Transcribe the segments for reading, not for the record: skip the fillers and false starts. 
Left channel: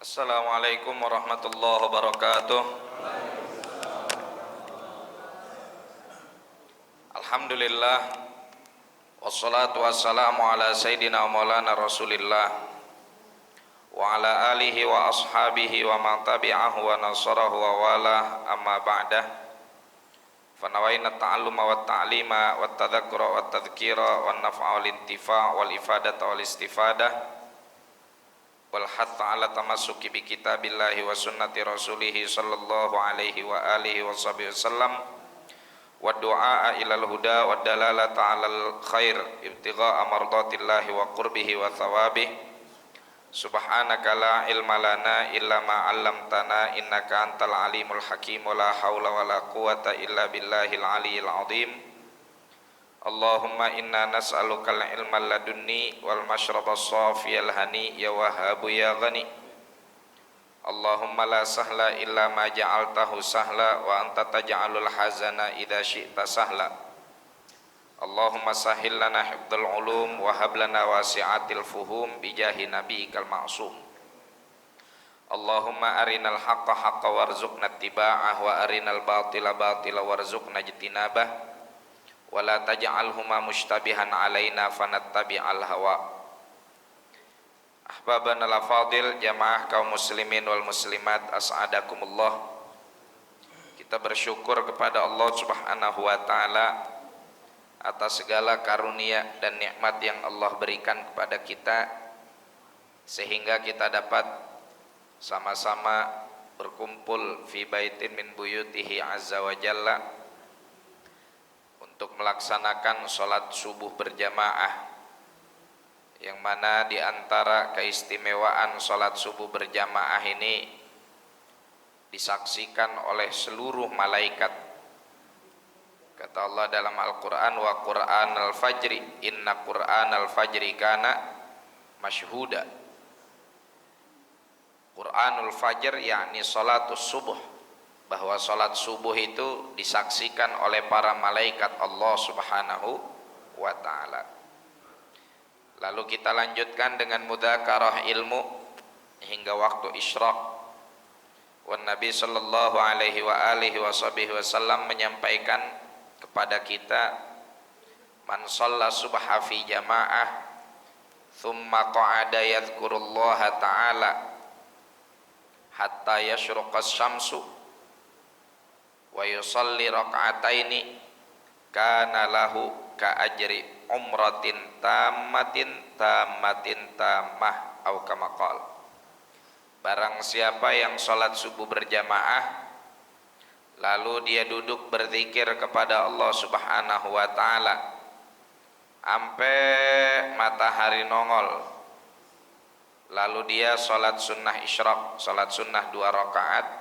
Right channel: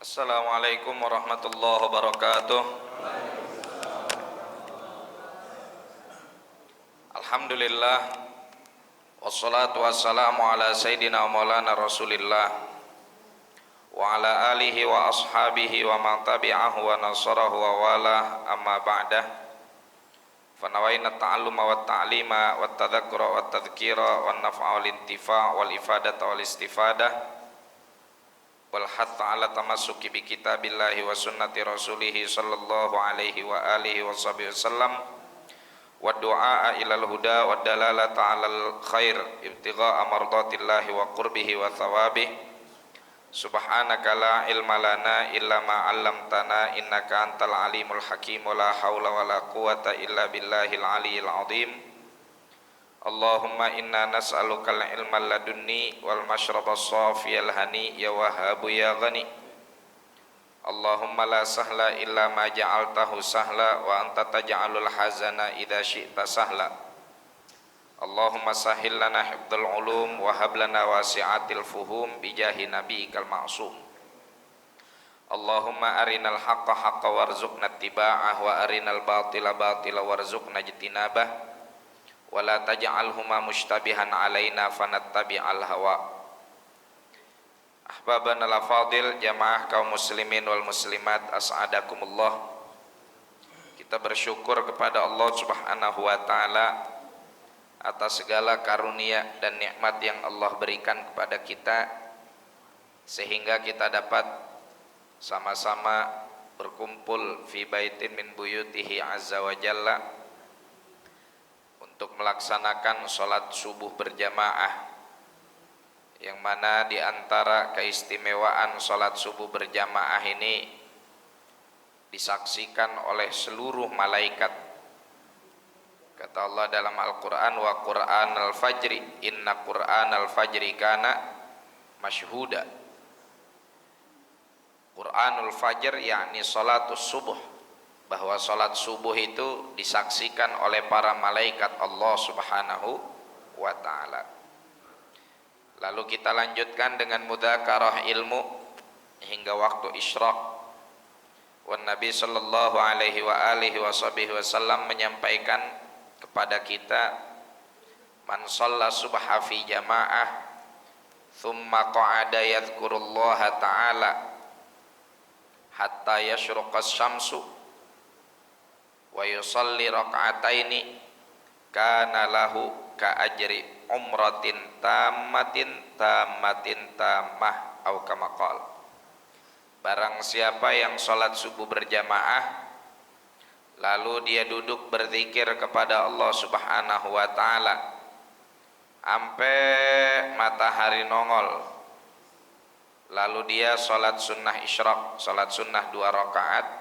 Assalamualaikum warahmatullahi wabarakatuh. Alhamdulillah, wassalatu wassalamu ala sayyidina maulana rasulillah wa ala alihi wa ashabihi wa man tabi'ahu wa nasarahu wa walah, amma ba'dah. Fanawaina ta'alluma wa ta'lima wa tadhakkura wa tadhkira wa naf'a wal intifa' wal ifadata wal istifadah wal hatta ala tamassuki bi kitabillahi wa sunnati rasulih sallallahu alaihi wa alihi wa sahbihi wasallam wa du'a ilal huda wa dalalata alal khair ibtigha'a mardatillahi wa qurbihi wa thawabih. Subhanaka la ilma lana illa ma 'allamtana innaka antal alimul hakim wa la haula wa la quwata illa billahil aliyyil azim. Allahumma inna nas'alukal ilma ladunni wal mashraba safiyal hani ya wahhabu ya ghani. Allahumma la sahla illa ma ja'altahu sahla wa anta taj'alul hazana idza syi'ta sahla. Allahumma sahhil lana hifdzal ulum wa hab lana wasi'atil fuhum bi jahi nabiyyikal ma'sum. Allahumma arinal haqqa haqqa warzuqna ittiba'ah wa arinal batila batila warzuqna ijtinabah. Wala taj'alhuma mushtabihan alaina fanattabi'al hawa. Ahbabana al-fadil, jamaah kaum muslimin wal muslimat, as'adakumullah. Kita bersyukur kepada Allah Subhanahu wa taala atas segala karunia dan nikmat yang Allah berikan kepada kita, sehingga kita dapat sama-sama berkumpul fi baitin min buyutihi azza wa jalla untuk melaksanakan sholat subuh berjamaah, yang mana di antara keistimewaan sholat subuh berjamaah ini disaksikan oleh seluruh malaikat. Kata Allah dalam Al-Quran, wa Qur'an al-fajri inna Qur'an al-fajri kana masyhuda. Qur'anul fajr yakni sholatus subuh, bahwa sholat subuh itu disaksikan oleh para malaikat Allah Subhanahu wa ta'ala. Lalu kita lanjutkan dengan mudzakarah ilmu hingga waktu isyraq. Wan Nabi sallallahu alaihi wa alihi wasallam menyampaikan kepada kita, man shalla subha fi jamaah thumma qa'ada yadhkurullaha ta'ala hatta yashruqas syamsu wa yusalli raka'ataini kana lahu ka ajri umratin tammatin tammah au kama qala. Barang siapa yang sholat subuh berjamaah lalu dia duduk berzikir kepada Allah Subhanahu wa taala sampai matahari nongol, lalu dia sholat sunnah isyraq, sholat sunnah 2 rakaat,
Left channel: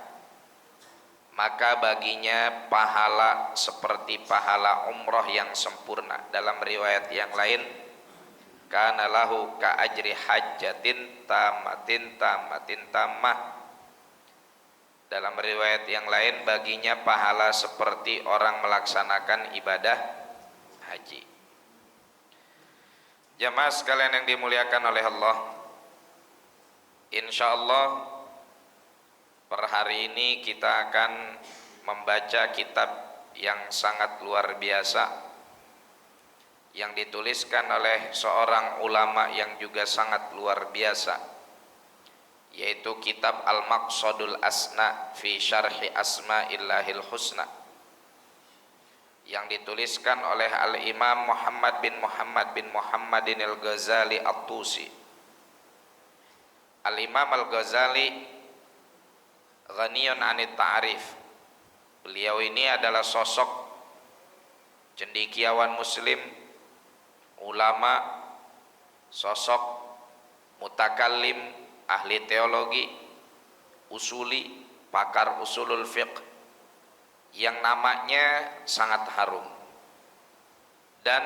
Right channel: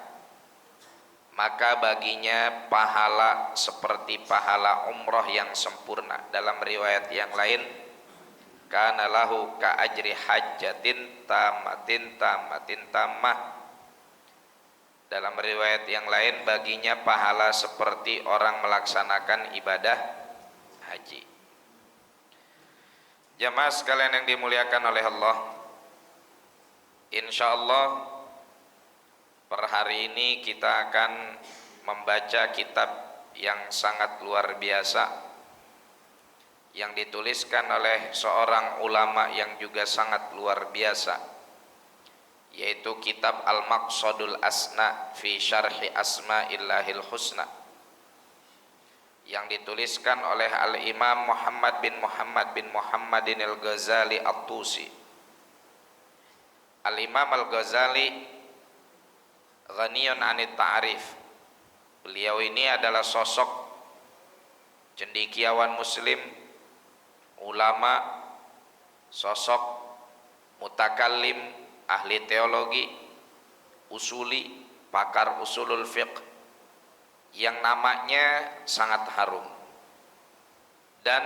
maka baginya pahala seperti pahala umroh yang sempurna. Dalam riwayat yang lain, kana lahu ka ajri hajjatin tammah. Dalam riwayat yang lain, baginya pahala seperti orang melaksanakan ibadah haji. Jamaah sekalian yang dimuliakan oleh Allah, insyaallah per hari ini kita akan membaca kitab yang sangat luar biasa yang dituliskan oleh seorang ulama yang juga sangat luar biasa, yaitu kitab Al-Maqsadul Asna fi Syarhi Asma'illahil Husna, yang dituliskan oleh Al-Imam Muhammad bin Muhammadin Al-Ghazali At-Tusi. Al-Imam Al-Ghazali ghaniyun anit ta'rif. Beliau ini adalah sosok cendekiawan muslim, ulama, sosok mutakallim, ahli teologi, usuli, pakar usulul fiqh, yang namanya sangat harum dan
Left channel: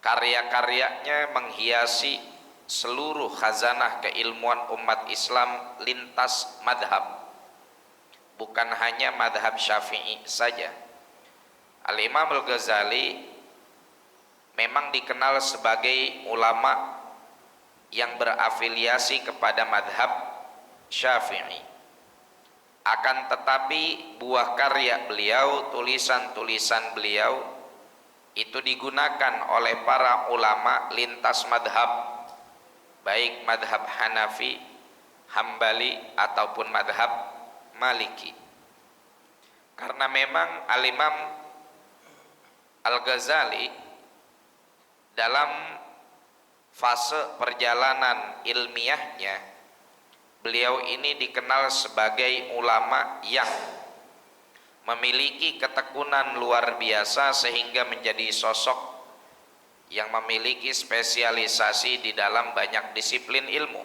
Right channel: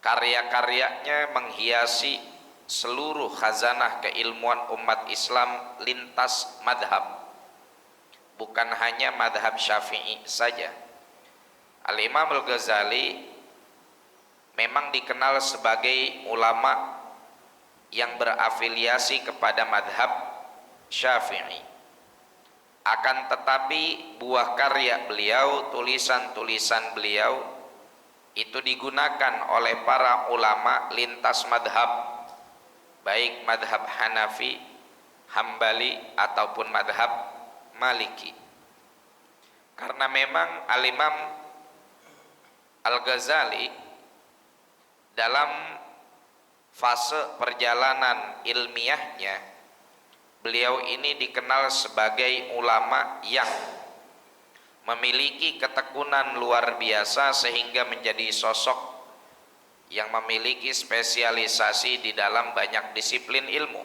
karya-karyanya menghiasi seluruh khazanah keilmuan umat Islam lintas madhab, bukan hanya madhab Syafi'i saja. Al-Imam Al-Ghazali memang dikenal sebagai ulama yang berafiliasi kepada madhab Syafi'i. Akan tetapi buah karya beliau, tulisan-tulisan beliau itu digunakan oleh para ulama lintas madhab, baik madhab Hanafi, Hambali ataupun madhab Maliki. Karena memang Al-Imam Al-Ghazali dalam fase perjalanan ilmiahnya, beliau ini dikenal sebagai ulama yang memiliki ketekunan luar biasa sehingga menjadi sosok yang memiliki spesialisasi di dalam banyak disiplin ilmu,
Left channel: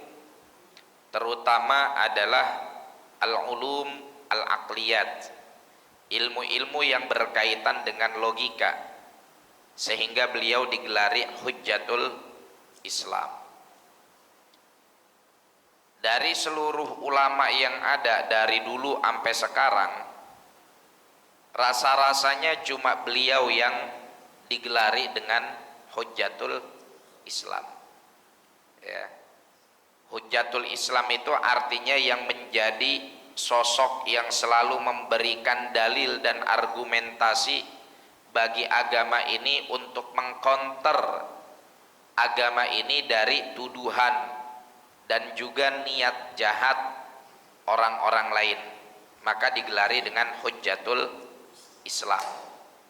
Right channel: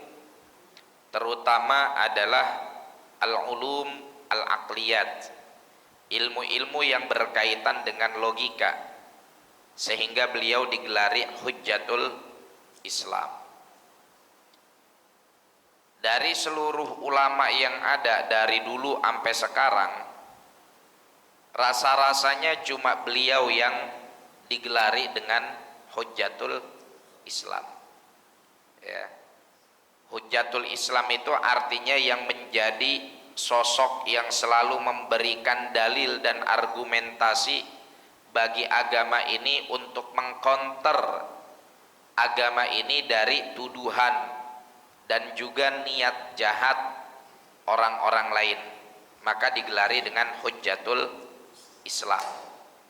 terutama adalah al-ulum al-aqliyat, ilmu-ilmu yang berkaitan dengan logika, sehingga beliau digelari Hujjatul Islam. Dari seluruh ulama yang ada dari dulu sampai sekarang, rasa-rasanya cuma beliau yang digelari dengan Hujjatul Islam. Ya. Hujjatul Islam itu artinya yang menjadi sosok yang selalu memberikan dalil dan argumentasi bagi agama ini untuk mengkonter agama ini dari tuduhan dan juga niat jahat orang-orang lain. Maka digelari dengan Hujjatul Islam.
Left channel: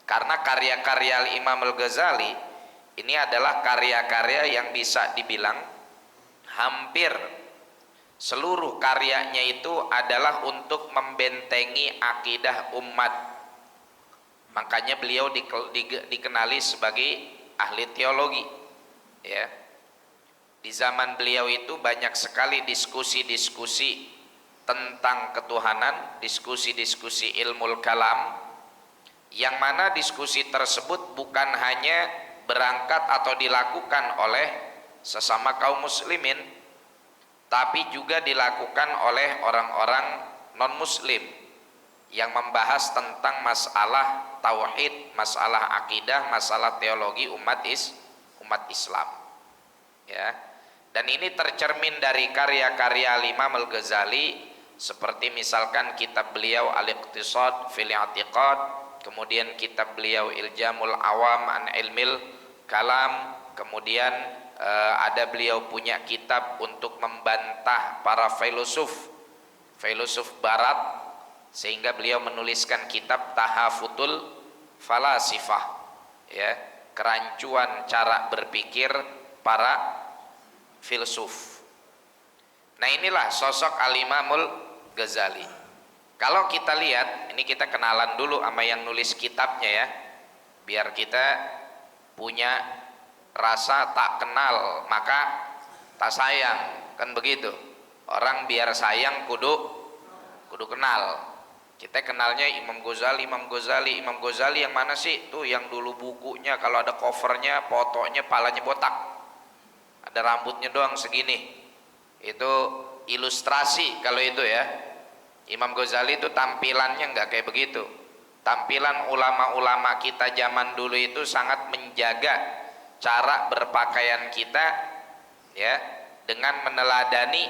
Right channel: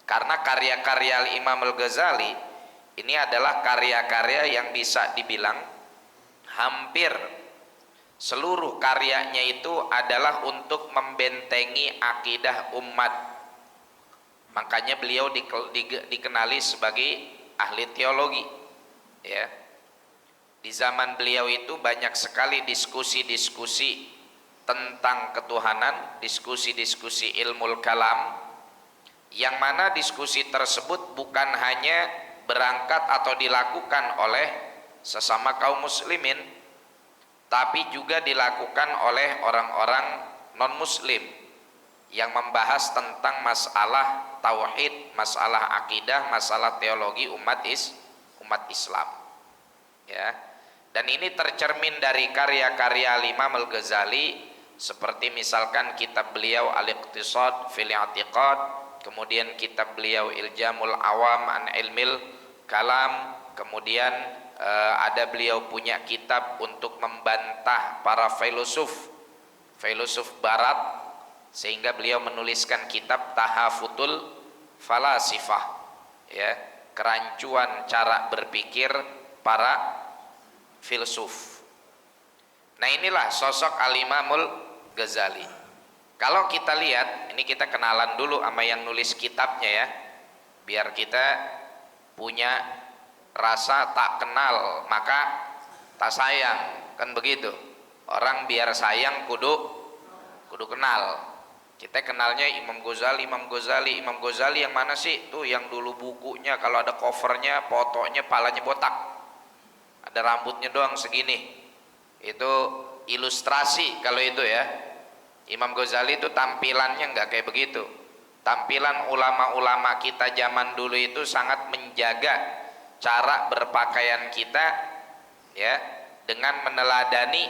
Karena karya-karya Imam Al-Ghazali ini adalah karya-karya yang bisa dibilang hampir seluruh karyanya itu adalah untuk membentengi akidah umat. Makanya beliau dikenali sebagai ahli teologi. Ya. Di zaman beliau itu banyak sekali diskusi-diskusi tentang ketuhanan, diskusi-diskusi ilmu kalam, yang mana diskusi tersebut bukan hanya berangkat atau dilakukan oleh sesama kaum muslimin, tapi juga dilakukan oleh orang-orang non-muslim yang membahas tentang masalah tauhid, masalah akidah, masalah teologi umat Islam. Ya. Dan ini tercermin dari karya-karya Imam Al-Ghazali, seperti misalkan kitab beliau Al-Iqtisad fil I'tiqad, kemudian kitab beliau Iljamul Awam an Ilmil Kalam, kemudian ada beliau punya kitab untuk membantah para filosof barat, sehingga beliau menuliskan kitab Tahafutul Falasifah, ya, kerancuan cara berpikir para filsuf. Nah, inilah sosok Al-Imamul Ghazali. Kalau kita lihat, ini kita kenalan dulu sama yang nulis kitabnya ya, biar kita punya rasa tak kenal maka tak sayang, kan begitu. Orang biar sayang kudu kenal. Kita kenalnya Imam Ghazali yang mana sih? Tuh yang dulu bukunya kalau ada covernya, fotonya palanya botak, ada rambutnya doang segini. Itu ilustrasi kalau itu ya. Imam Ghazali itu tampilannya enggak kayak begitu. Tampilan ulama-ulama kita zaman dulu itu sangat menjaga cara berpakaian kita, ya, dengan meneladani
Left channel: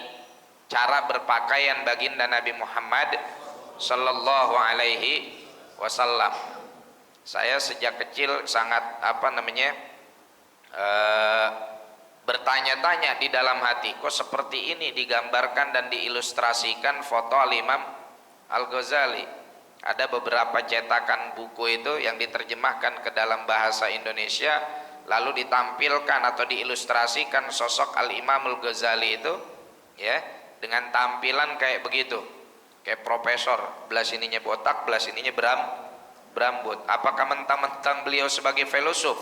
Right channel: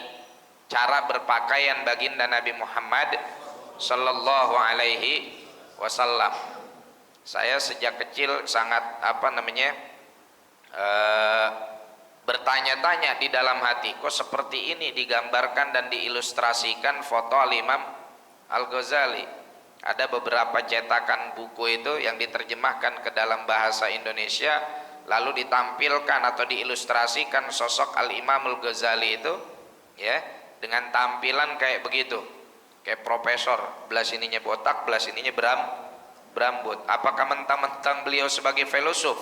cara berpakaian baginda Nabi Muhammad sallallahu alaihi wasallam. Saya sejak kecil sangat bertanya-tanya di dalam hati, kok seperti ini digambarkan dan diilustrasikan foto Al-Imam Al-Ghazali. Ada beberapa cetakan buku itu yang diterjemahkan ke dalam bahasa Indonesia, lalu ditampilkan atau diilustrasikan sosok Al-Imam Al-Ghazali itu, ya, dengan tampilan kayak begitu, kayak profesor, belah sininya botak, belah sininya berambut. Apakah mentang-mentang beliau sebagai filosof,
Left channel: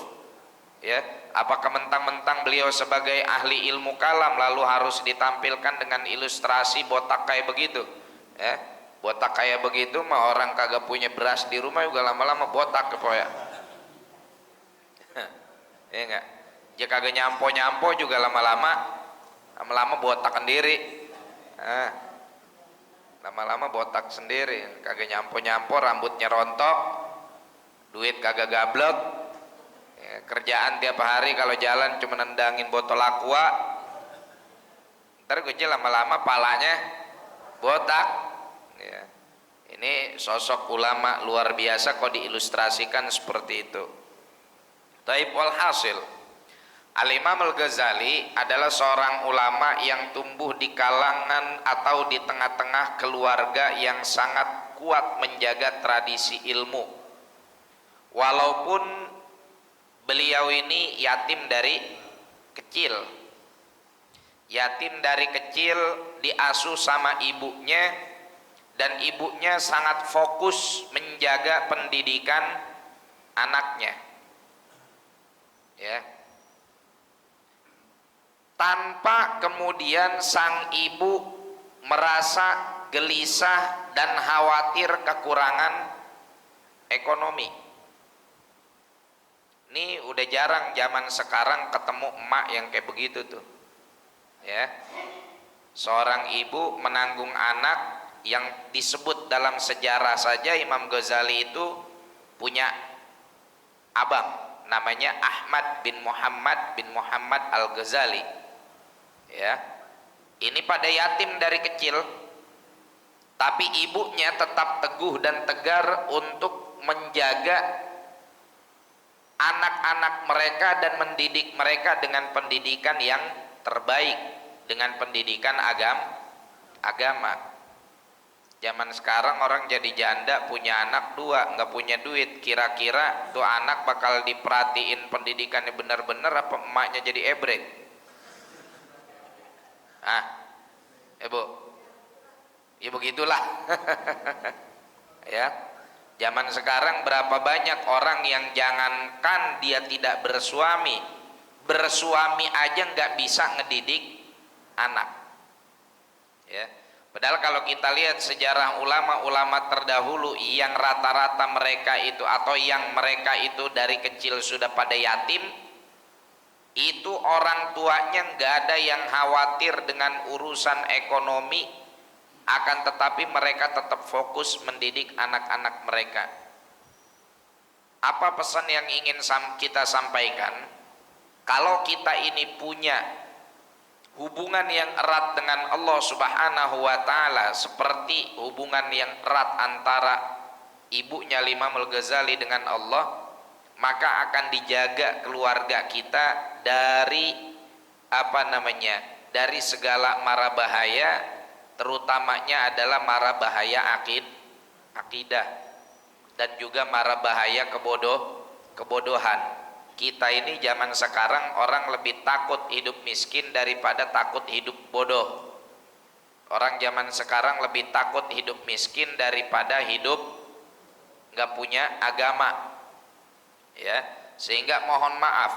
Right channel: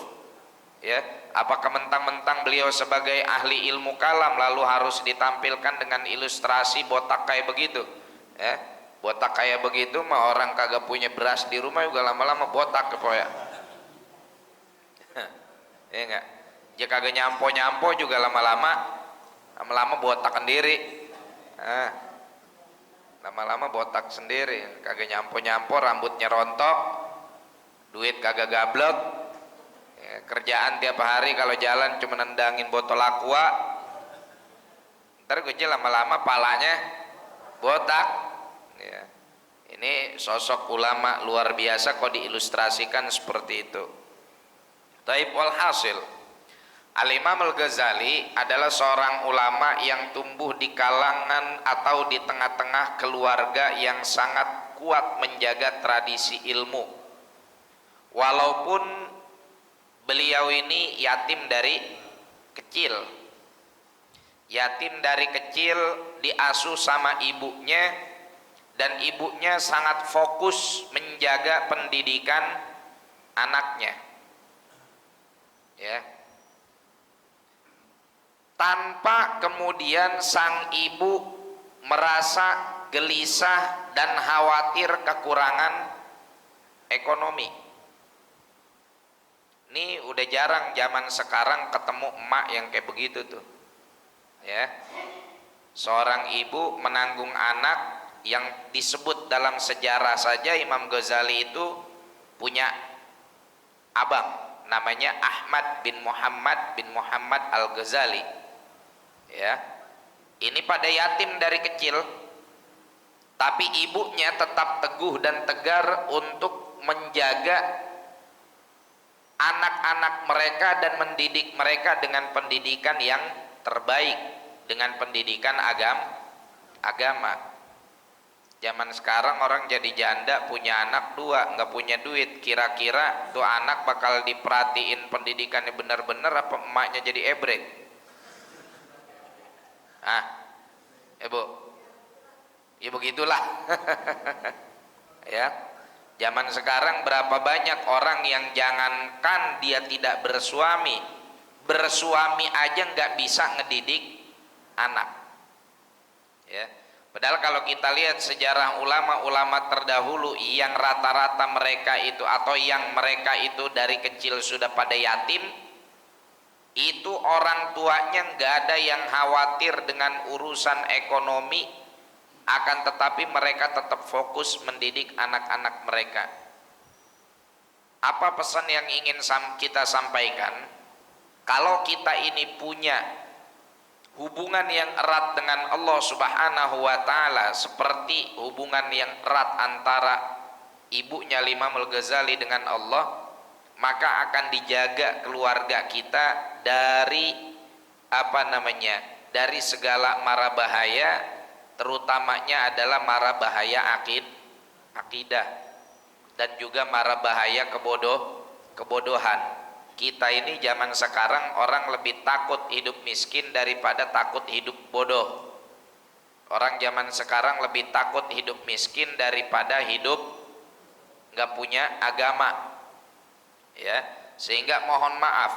ya, apakah mentang-mentang beliau sebagai ahli ilmu kalam lalu harus ditampilkan dengan ilustrasi botak kayak begitu, ya? Botak kayak begitu mah orang kagak punya beras di rumah juga lama-lama botak kepoya. Ya enggak? Dia kagak nyampo juga lama-lama botak sendiri. Lama-lama botak sendiri, kagak nyampo, rambutnya rontok, duit kagak gablek. Ya, kerjaan tiap hari kalau jalan cuma nendangin botol aqua. Ntar gue lama-lama palanya botak. Ya. Ini sosok ulama luar biasa kok diilustrasikan seperti itu. Taib walhasil, Al-Imam Al-Ghazali adalah seorang ulama yang tumbuh di kalangan atau di tengah-tengah keluarga yang sangat kuat menjaga tradisi ilmu. Walaupun beliau ini yatim dari kecil. Yatim dari kecil, diasuh sama ibunya, dan ibunya sangat fokus menjaga pendidikan anaknya. Ya. Tanpa kemudian sang ibu merasa gelisah dan khawatir kekurangan ekonomi. Ini udah jarang zaman sekarang ketemu emak yang kayak begitu tuh. Ya. Seorang ibu menanggung anak yang disebut dalam sejarah saja Imam Ghazali itu punya abang namanya Ahmad bin Muhammad Al-Ghazali. Ya. Ini pada yatim dari kecil, tapi ibunya tetap teguh dan tegar untuk menjaga anak-anak mereka dan mendidik mereka dengan pendidikan yang terbaik, dengan pendidikan agama. Zaman sekarang orang jadi janda punya anak 2, nggak punya duit, kira-kira tuh anak bakal diperhatiin pendidikannya benar-benar apa emaknya jadi ebrek? Ibu, ya begitulah. Ya, zaman sekarang berapa banyak orang yang jangankan dia tidak bersuami aja nggak bisa ngedidik anak. Ya, padahal kalau kita lihat sejarah ulama-ulama terdahulu yang rata-rata mereka itu atau yang mereka itu dari kecil sudah pada yatim, itu orang tuanya nggak ada yang khawatir dengan urusan ekonomi, akan tetapi mereka tetap fokus mendidik anak-anak mereka. Apa pesan yang ingin kita sampaikan? Kalau kita ini punya hubungan yang erat dengan Allah Subhanahu wa Ta'ala, seperti hubungan yang erat antara ibunya Imam Al-Ghazali dengan Allah, maka akan dijaga keluarga kita dari dari segala mara bahaya, terutamanya adalah mara bahaya akidah dan juga mara bahaya kebodohan. Kita ini zaman sekarang orang lebih takut hidup miskin daripada takut hidup bodoh. Orang zaman sekarang lebih takut hidup miskin daripada hidup nggak punya agama. Ya, sehingga mohon maaf,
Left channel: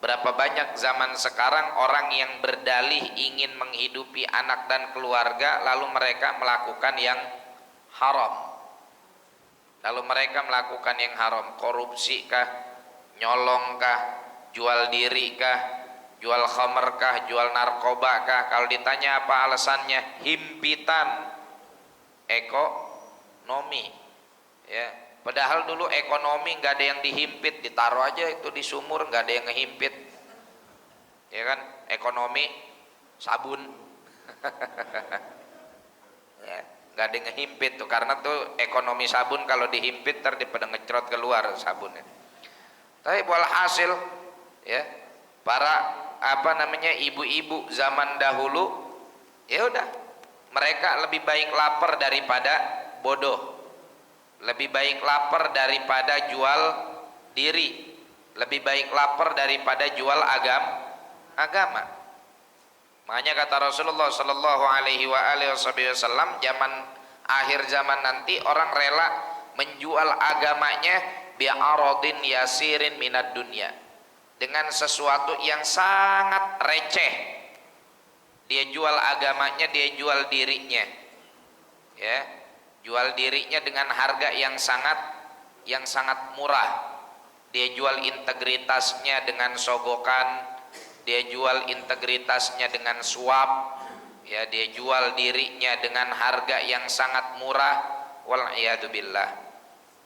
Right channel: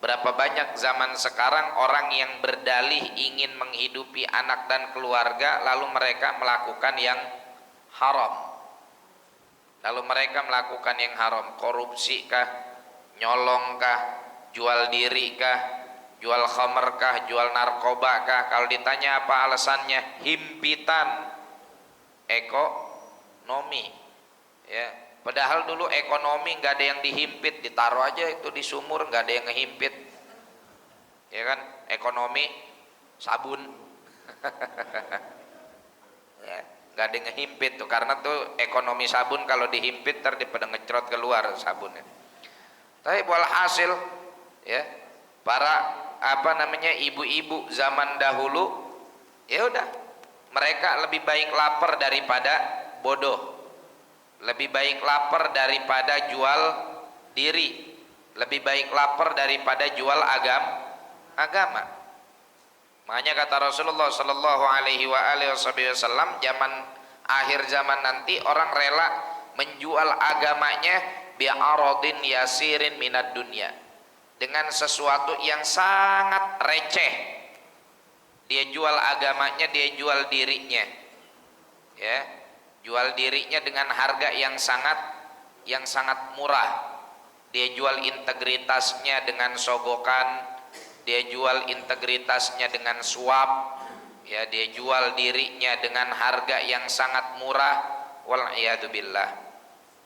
berapa banyak zaman sekarang orang yang berdalih ingin menghidupi anak dan keluarga, lalu mereka melakukan yang haram. Korupsi kah, nyolong kah, jual diri kah, jual khamr kah, jual narkoba kah? Kalau ditanya apa alasannya, himpitan ekonomi. Ya, padahal dulu ekonomi nggak ada yang dihimpit, ditaruh aja itu di sumur, nggak ada yang ngehimpit. Ya kan, ekonomi sabun. Ya, nggak ada yang ngehimpit tuh, karena tuh ekonomi sabun kalau dihimpit pada ngecrot keluar sabunnya. Tapi walhasil, ya, para ibu-ibu zaman dahulu, ya udah, mereka lebih baik lapar daripada bodoh, lebih baik lapar daripada jual diri, lebih baik lapar daripada jual agama. Makanya kata Rasulullah Sallallahu Alaihi Wasallam, akhir zaman nanti orang rela menjual agamanya bi'aradin yasirin minad dunya, dengan sesuatu yang sangat receh. Dia jual agamanya, dia jual dirinya, ya, jual dirinya dengan harga yang sangat murah. Dia jual integritasnya dengan sogokan, dia jual integritasnya dengan suap, ya, dia jual dirinya dengan harga yang sangat murah. Wal iyadu billah.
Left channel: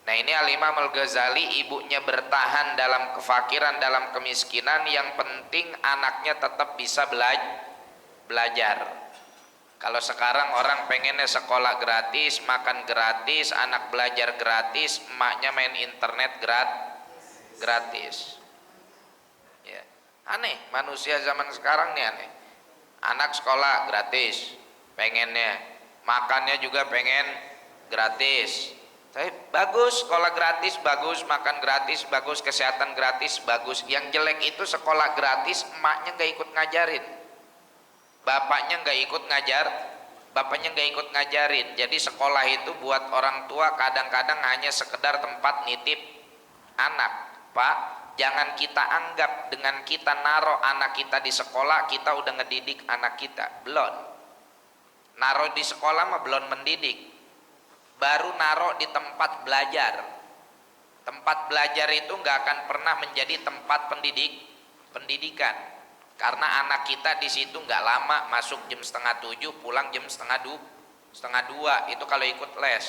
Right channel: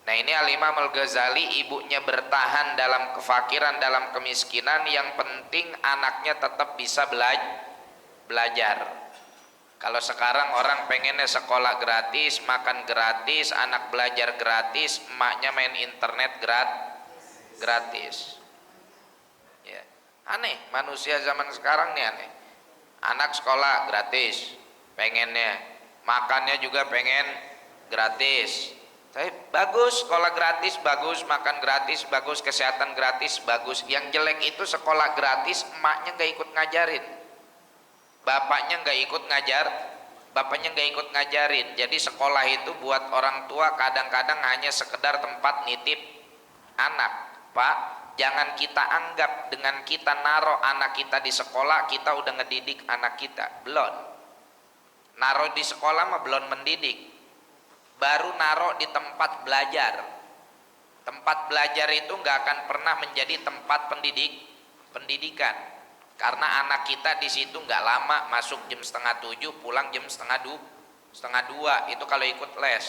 Nah, ini Al-Imam Al-Ghazali, ibunya bertahan dalam kefakiran, dalam kemiskinan, yang penting anaknya tetap bisa belajar. Kalau sekarang orang pengennya sekolah gratis, makan gratis, anak belajar gratis, emaknya main internet gratis. Ya. Aneh, manusia zaman sekarang nih aneh. Anak sekolah gratis, pengennya, makannya juga pengen gratis. Tapi bagus sekolah gratis, bagus makan gratis, bagus kesehatan gratis, bagus. Yang jelek itu sekolah gratis, emaknya nggak ikut ngajarin, bapaknya nggak ikut ngajarin. Jadi sekolah itu buat orang tua kadang-kadang hanya sekedar tempat nitip anak. Pak, jangan kita anggap dengan kita naruh anak kita di sekolah kita udah ngedidik anak kita. Belum. Naruh di sekolah mah belum mendidik, baru naruh di tempat belajar. Tempat belajar itu nggak akan pernah menjadi tempat pendidikan. Karena anak kita di situ nggak lama, masuk jam 6:30, pulang jam setengah dua. Itu kalau ikut les.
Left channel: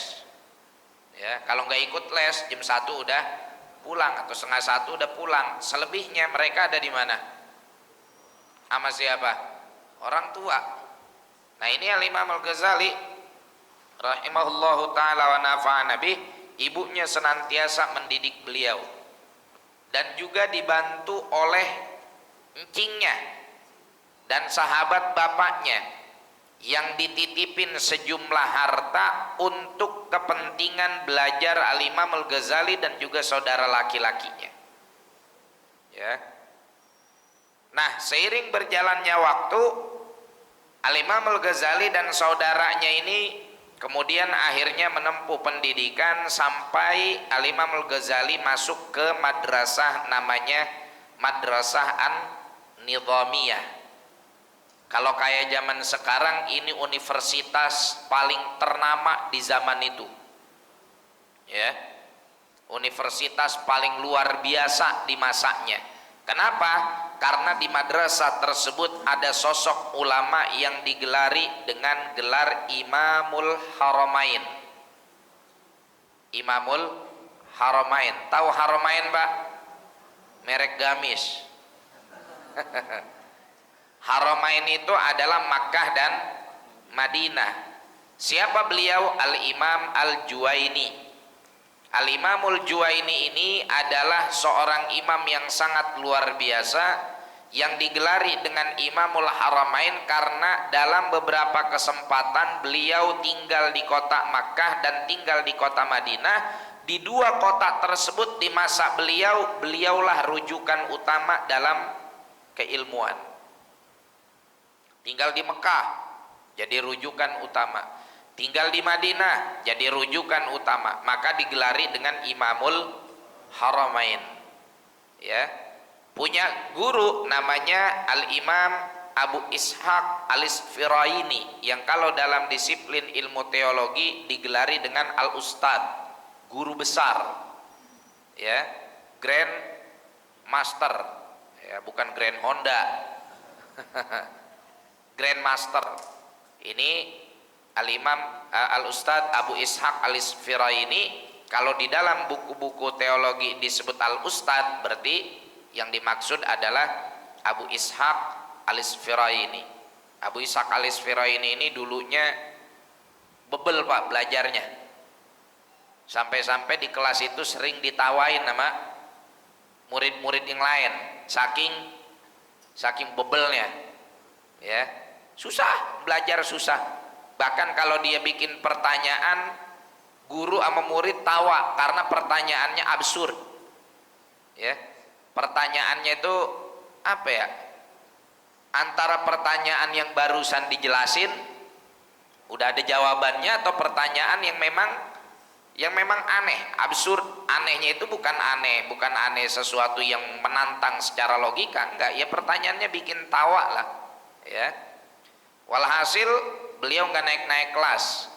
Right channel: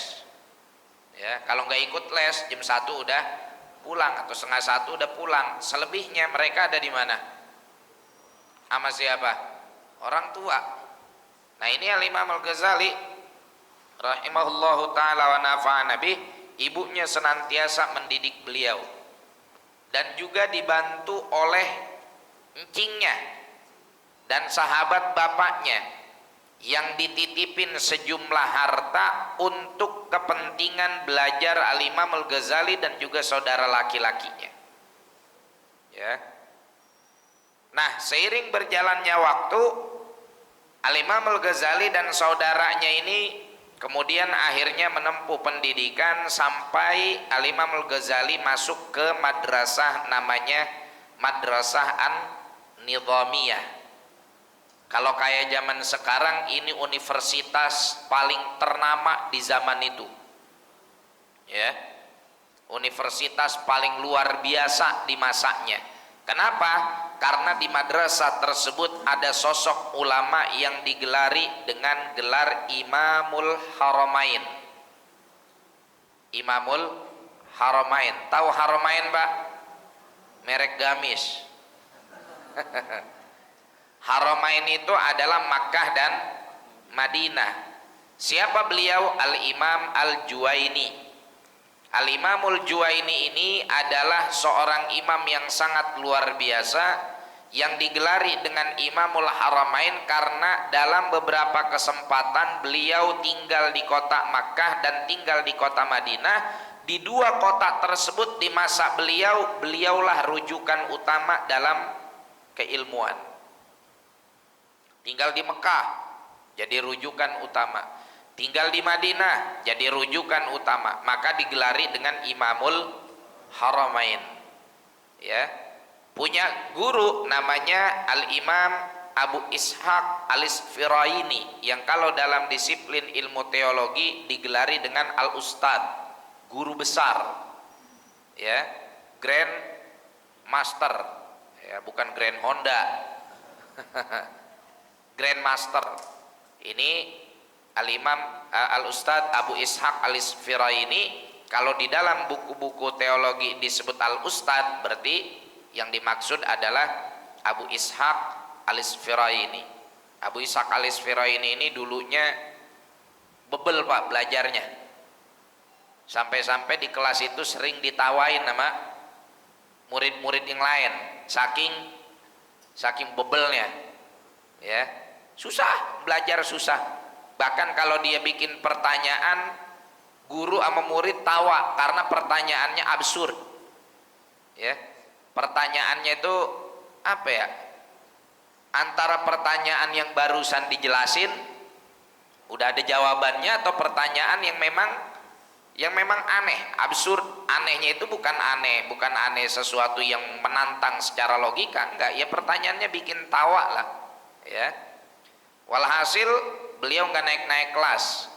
Ya, kalau nggak ikut les jam 1 udah pulang atau setengah 1 udah pulang. Selebihnya mereka ada di mana? Sama siapa? Orang tua. Nah ini Al-Imam Al-Ghazali rahimahullahu ta'ala wa nafa'ana bih, ibunya senantiasa mendidik beliau dan juga dibantu oleh encingnya dan sahabat bapaknya yang dititipin sejumlah harta untuk kepentingan belajar Al-Imam Al-Ghazali dan juga saudara laki-lakinya. Ya. Nah, seiring berjalannya waktu, Al-Imam Al-Ghazali dan saudaranya ini kemudian akhirnya menempuh pendidikan sampai Al-Imam Al-Ghazali masuk ke madrasah namanya Madrasah An-Nidhamiyah. Kalau kayak zaman sekarang ini universitas paling ternama di zaman itu. Ya. Universitas paling luar biasa di masanya. Kenapa? Karena di madrasah tersebut ada sosok ulama yang digelari dengan gelar Imamul Haramain. Imamul Haramain. Tahu Haramain, Pak? Merek gamis. Haramain itu adalah Makkah dan Madinah. Siapa beliau? Al-Imam Al-Juwaini. Al-Imamul Juwaini ini adalah seorang imam yang sangat luar biasa yang digelari dengan Imamul Haramain karena dalam beberapa kesempatan beliau tinggal di kota Makkah dan tinggal di kota Madinah. Di dua kota tersebut di masa beliau, beliaulah rujukan utama dalam keilmuan. Tinggal di Mekah jadi rujukan utama, tinggal di Madinah jadi rujukan utama, maka digelari dengan Imamul Haramain. Ya, punya guru namanya Al-Imam Abu Ishaq Al-Isfiraini yang kalau dalam disiplin ilmu teologi digelari dengan Al-Ustad, guru besar. Ya, Grand Master, ya, bukan Grand Honda. Grandmaster. Ini Al-Imam Al-Ustadz Abu Ishaq Al-Isfiraini. Kalau di dalam buku-buku teologi disebut Al-Ustadz, berarti yang dimaksud adalah Abu Ishaq Al-Isfiraini. Abu Ishaq Al-Isfiraini ini dulunya bebel, Pak, belajarnya. Sampai-sampai di kelas itu sering ditawain sama murid-murid yang lain, saking bebelnya. Ya. Susah, belajar susah. Bahkan kalau dia bikin pertanyaan, guru sama murid tawa karena pertanyaannya absurd. Ya. Pertanyaannya itu apa ya? Antara pertanyaan yang barusan dijelasin udah ada jawabannya atau pertanyaan yang memang aneh, absurd. Anehnya itu bukan aneh sesuatu yang menantang secara logika, enggak. Ya pertanyaannya bikin tawa lah. Ya. Walhasil beliau nggak naik kelas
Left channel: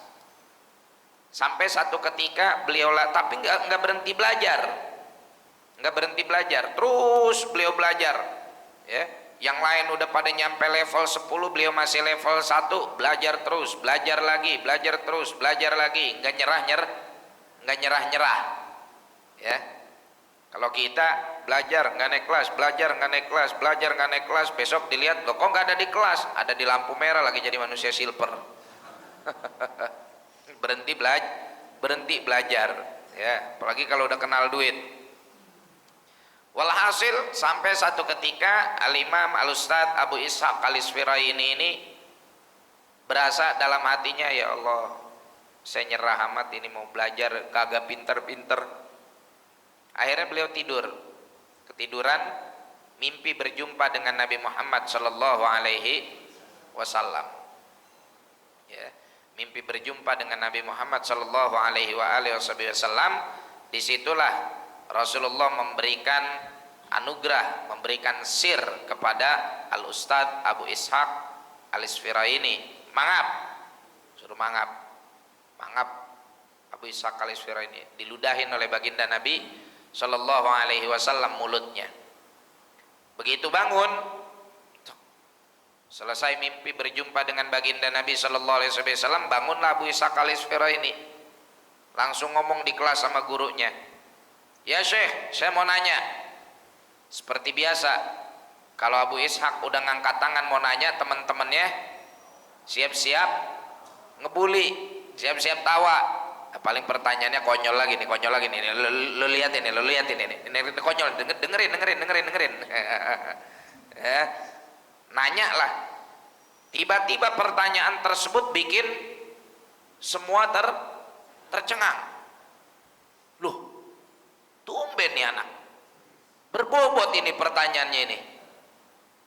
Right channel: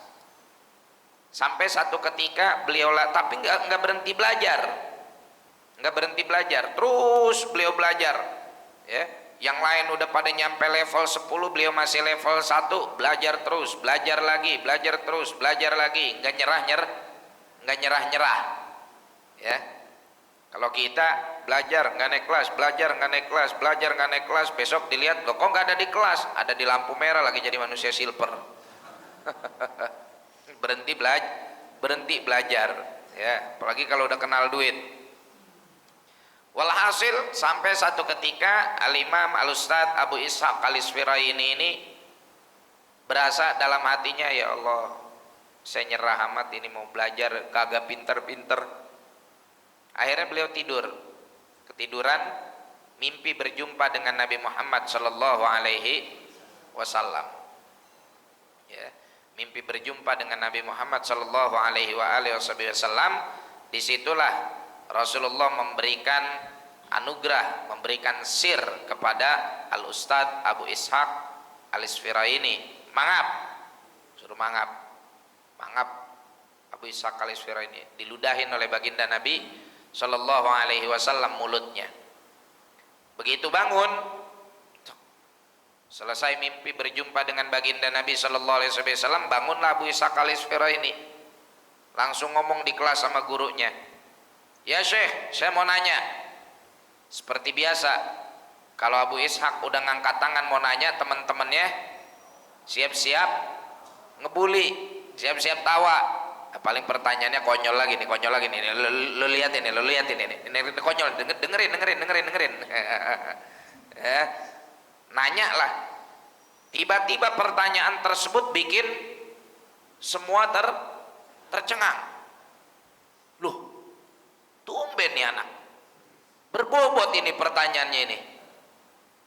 sampai satu ketika beliau tapi nggak berhenti belajar, terus beliau belajar. Ya, yang lain udah pada nyampe level 10, beliau masih level 1, belajar terus, belajar lagi, nggak nyerah. Ya, Kalau kita belajar nggak naik kelas, belajar nggak naik kelas, belajar nggak naik kelas, besok dilihat loh kok nggak ada di kelas, ada di lampu merah lagi jadi manusia silver. berhenti belajar, ya. Apalagi kalau udah kenal duit. Walhasil sampai satu ketika Al-Imam Al-Ustadz Abu Ishaq Al-Isfiraini ini berasa dalam hatinya, ya Allah, saya nyerah amat ini mau belajar kagak pinter-pinter. Akhirnya beliau ketiduran, mimpi berjumpa dengan Nabi Muhammad sallallahu alaihi wasallam. Ya, mimpi berjumpa dengan Nabi Muhammad sallallahu alaihi wasallam. Disitulah Rasulullah memberikan anugerah, memberikan sir kepada Al-Ustadz Abu Ishaq Al-Isfiraini. Suruh mangap Abu Ishaq Al-Isfiraini, diludahin oleh baginda Nabi sallallahu alaihi wasallam mulutnya. Begitu bangun, selesai mimpi berjumpa dengan baginda Nabi sallallahu alaihi wasallam, bangunlah Abu Ishaq Al-Isfiraini, langsung ngomong di kelas sama gurunya, ya Syekh, saya mau nanya. Seperti biasa, kalau Abu Ishaq udah ngangkat tangan mau nanya, teman-temannya siap-siap ngebully, siap-siap tawa. Paling pertanyaannya konyol lagi nih. Lo liatin ini konyol, dengerin. Ya, nanya lah. Tiba-tiba pertanyaan tersebut bikin semua tercengang. Loh, tumben nih anak, berbobot ini pertanyaannya ini.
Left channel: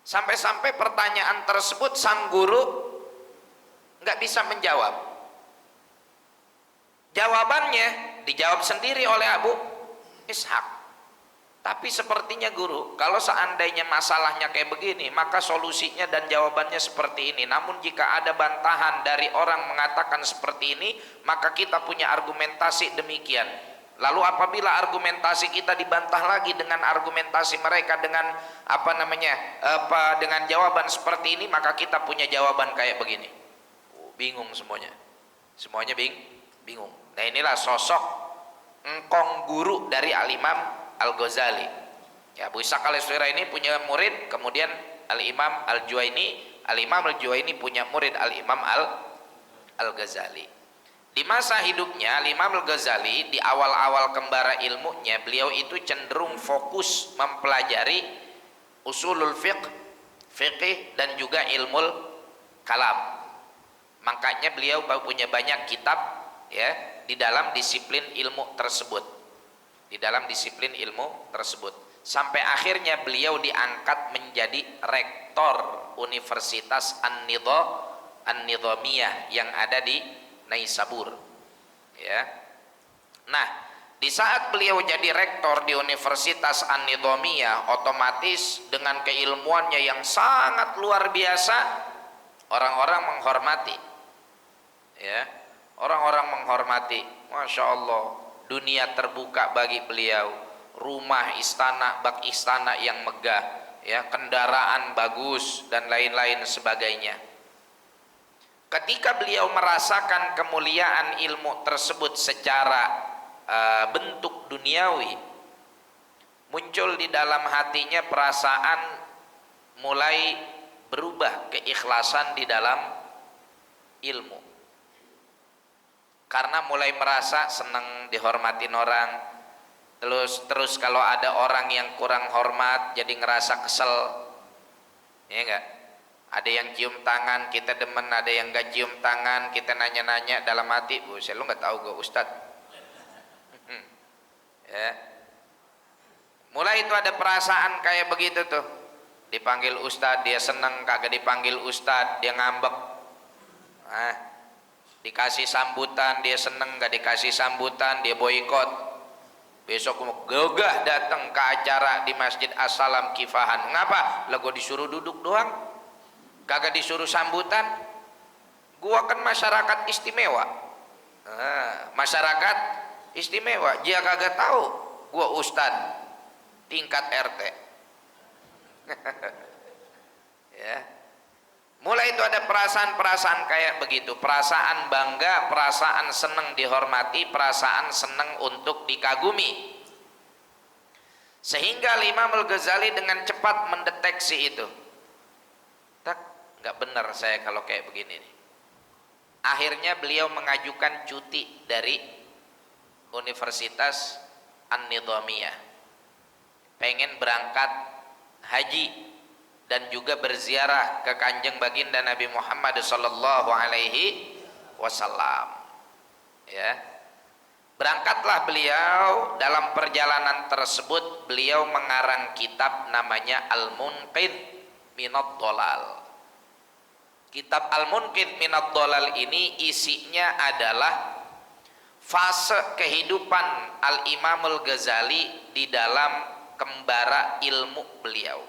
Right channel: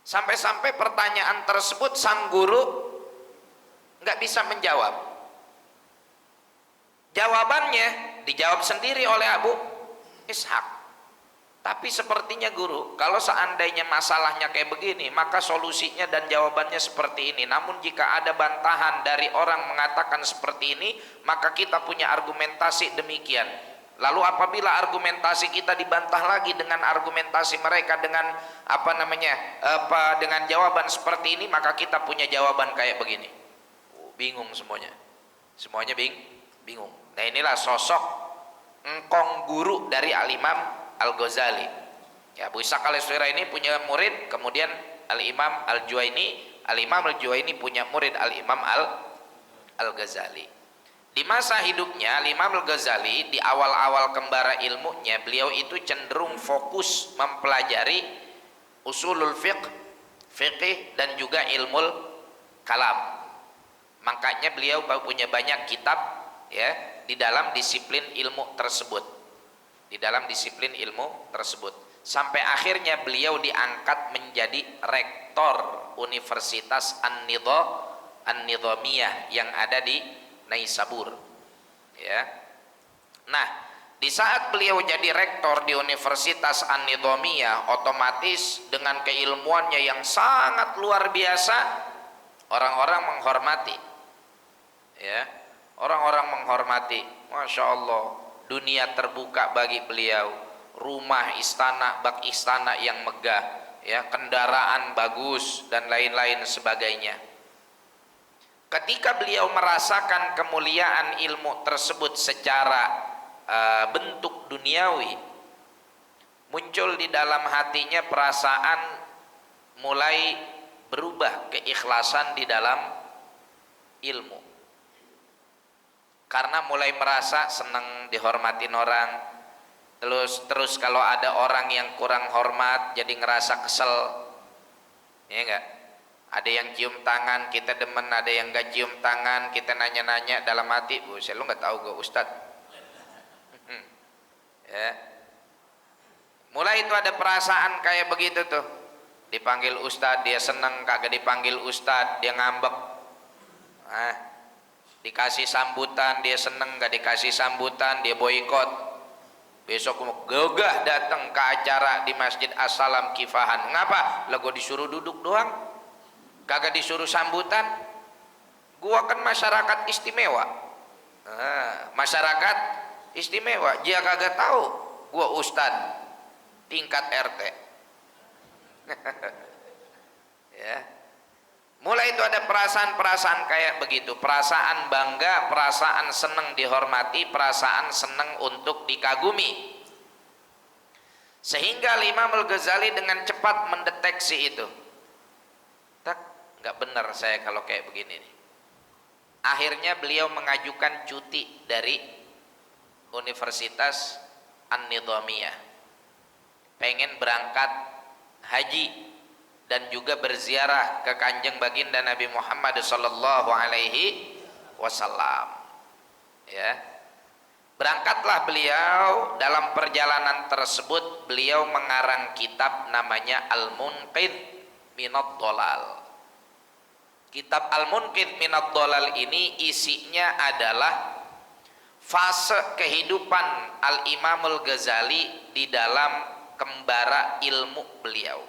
Sampai-sampai pertanyaan tersebut sang guru nggak bisa menjawab. Jawabannya dijawab sendiri oleh Abu Ishaq. Tapi sepertinya guru, kalau seandainya masalahnya kayak begini, maka solusinya dan jawabannya seperti ini. Namun jika ada bantahan dari orang mengatakan seperti ini, maka kita punya argumentasi demikian. Lalu apabila argumentasi kita dibantah lagi dengan argumentasi mereka dengan dengan jawaban seperti ini, maka kita punya jawaban kayak begini. Bingung semuanya bingung. Nah, inilah sosok engkong guru dari Al-Imam Al-Ghazali. Ya, Abu Ishaq Al-Isfiraini punya murid, kemudian Al-Imam Al-Juwaini punya murid Al-Imam Al-Ghazali. Di masa hidupnya Al-Imam Al-Ghazali, di awal-awal kembara ilmunya, beliau itu cenderung fokus mempelajari usulul fiqh dan juga ilmul kalam. Makanya beliau punya banyak kitab, ya, di dalam disiplin ilmu tersebut. Sampai akhirnya beliau diangkat menjadi rektor Universitas An-Nidhamiyah yang ada di Naisabur. Ya. Nah, di saat beliau jadi rektor di Universitas An-Nidhamiyah, otomatis dengan keilmuannya yang sangat luar biasa, orang-orang menghormati. Ya. Orang-orang menghormati, Masya Allah, dunia terbuka bagi beliau, rumah istana, bak istana yang megah, ya, kendaraan bagus dan lain-lain sebagainya. Ketika beliau merasakan kemuliaan ilmu tersebut secara bentuk duniawi, muncul di dalam hatinya perasaan mulai berubah, keikhlasan di dalam ilmu. Karena mulai merasa senang dihormatin orang, terus kalau ada orang yang kurang hormat jadi ngerasa kesel, ya enggak? Ada yang cium tangan kita demen, ada yang enggak cium tangan kita nanya-nanya dalam hati, saya lu nggak tahu gue Ustadz. Ya, mulai itu ada perasaan kayak begitu tuh, dipanggil Ustadz dia seneng, kagak dipanggil Ustadz dia ngambek. Dikasih sambutan dia seneng, gak dikasih sambutan dia boikot. Besok gagah datang ke acara di Masjid As-Salam Kifahan. Ngapa? Lah gua disuruh duduk doang, kagak disuruh sambutan. Gua kan masyarakat istimewa. Masyarakat istimewa, dia kagak tahu gua ustad tingkat RT. Ya. Mulai itu ada perasaan-perasaan kayak begitu, perasaan bangga, perasaan senang dihormati, perasaan senang untuk dikagumi. Sehingga Imam Al-Ghazali dengan cepat mendeteksi itu. Tak, nggak benar saya kalau kayak begini nih. Akhirnya beliau mengajukan cuti dari Universitas An-Nidhamiyah. Pengen berangkat haji dan juga berziarah ke Kanjeng Baginda Nabi Muhammad sallallahu alaihi wasallam. Ya. Berangkatlah beliau. Dalam perjalanan tersebut beliau mengarang kitab namanya Al-Munqidh Minad Dhalal. Kitab Al-Munqidh Minad Dhalal ini isinya adalah fase kehidupan Al-Imam Al-Ghazali di dalam kembara ilmu beliau.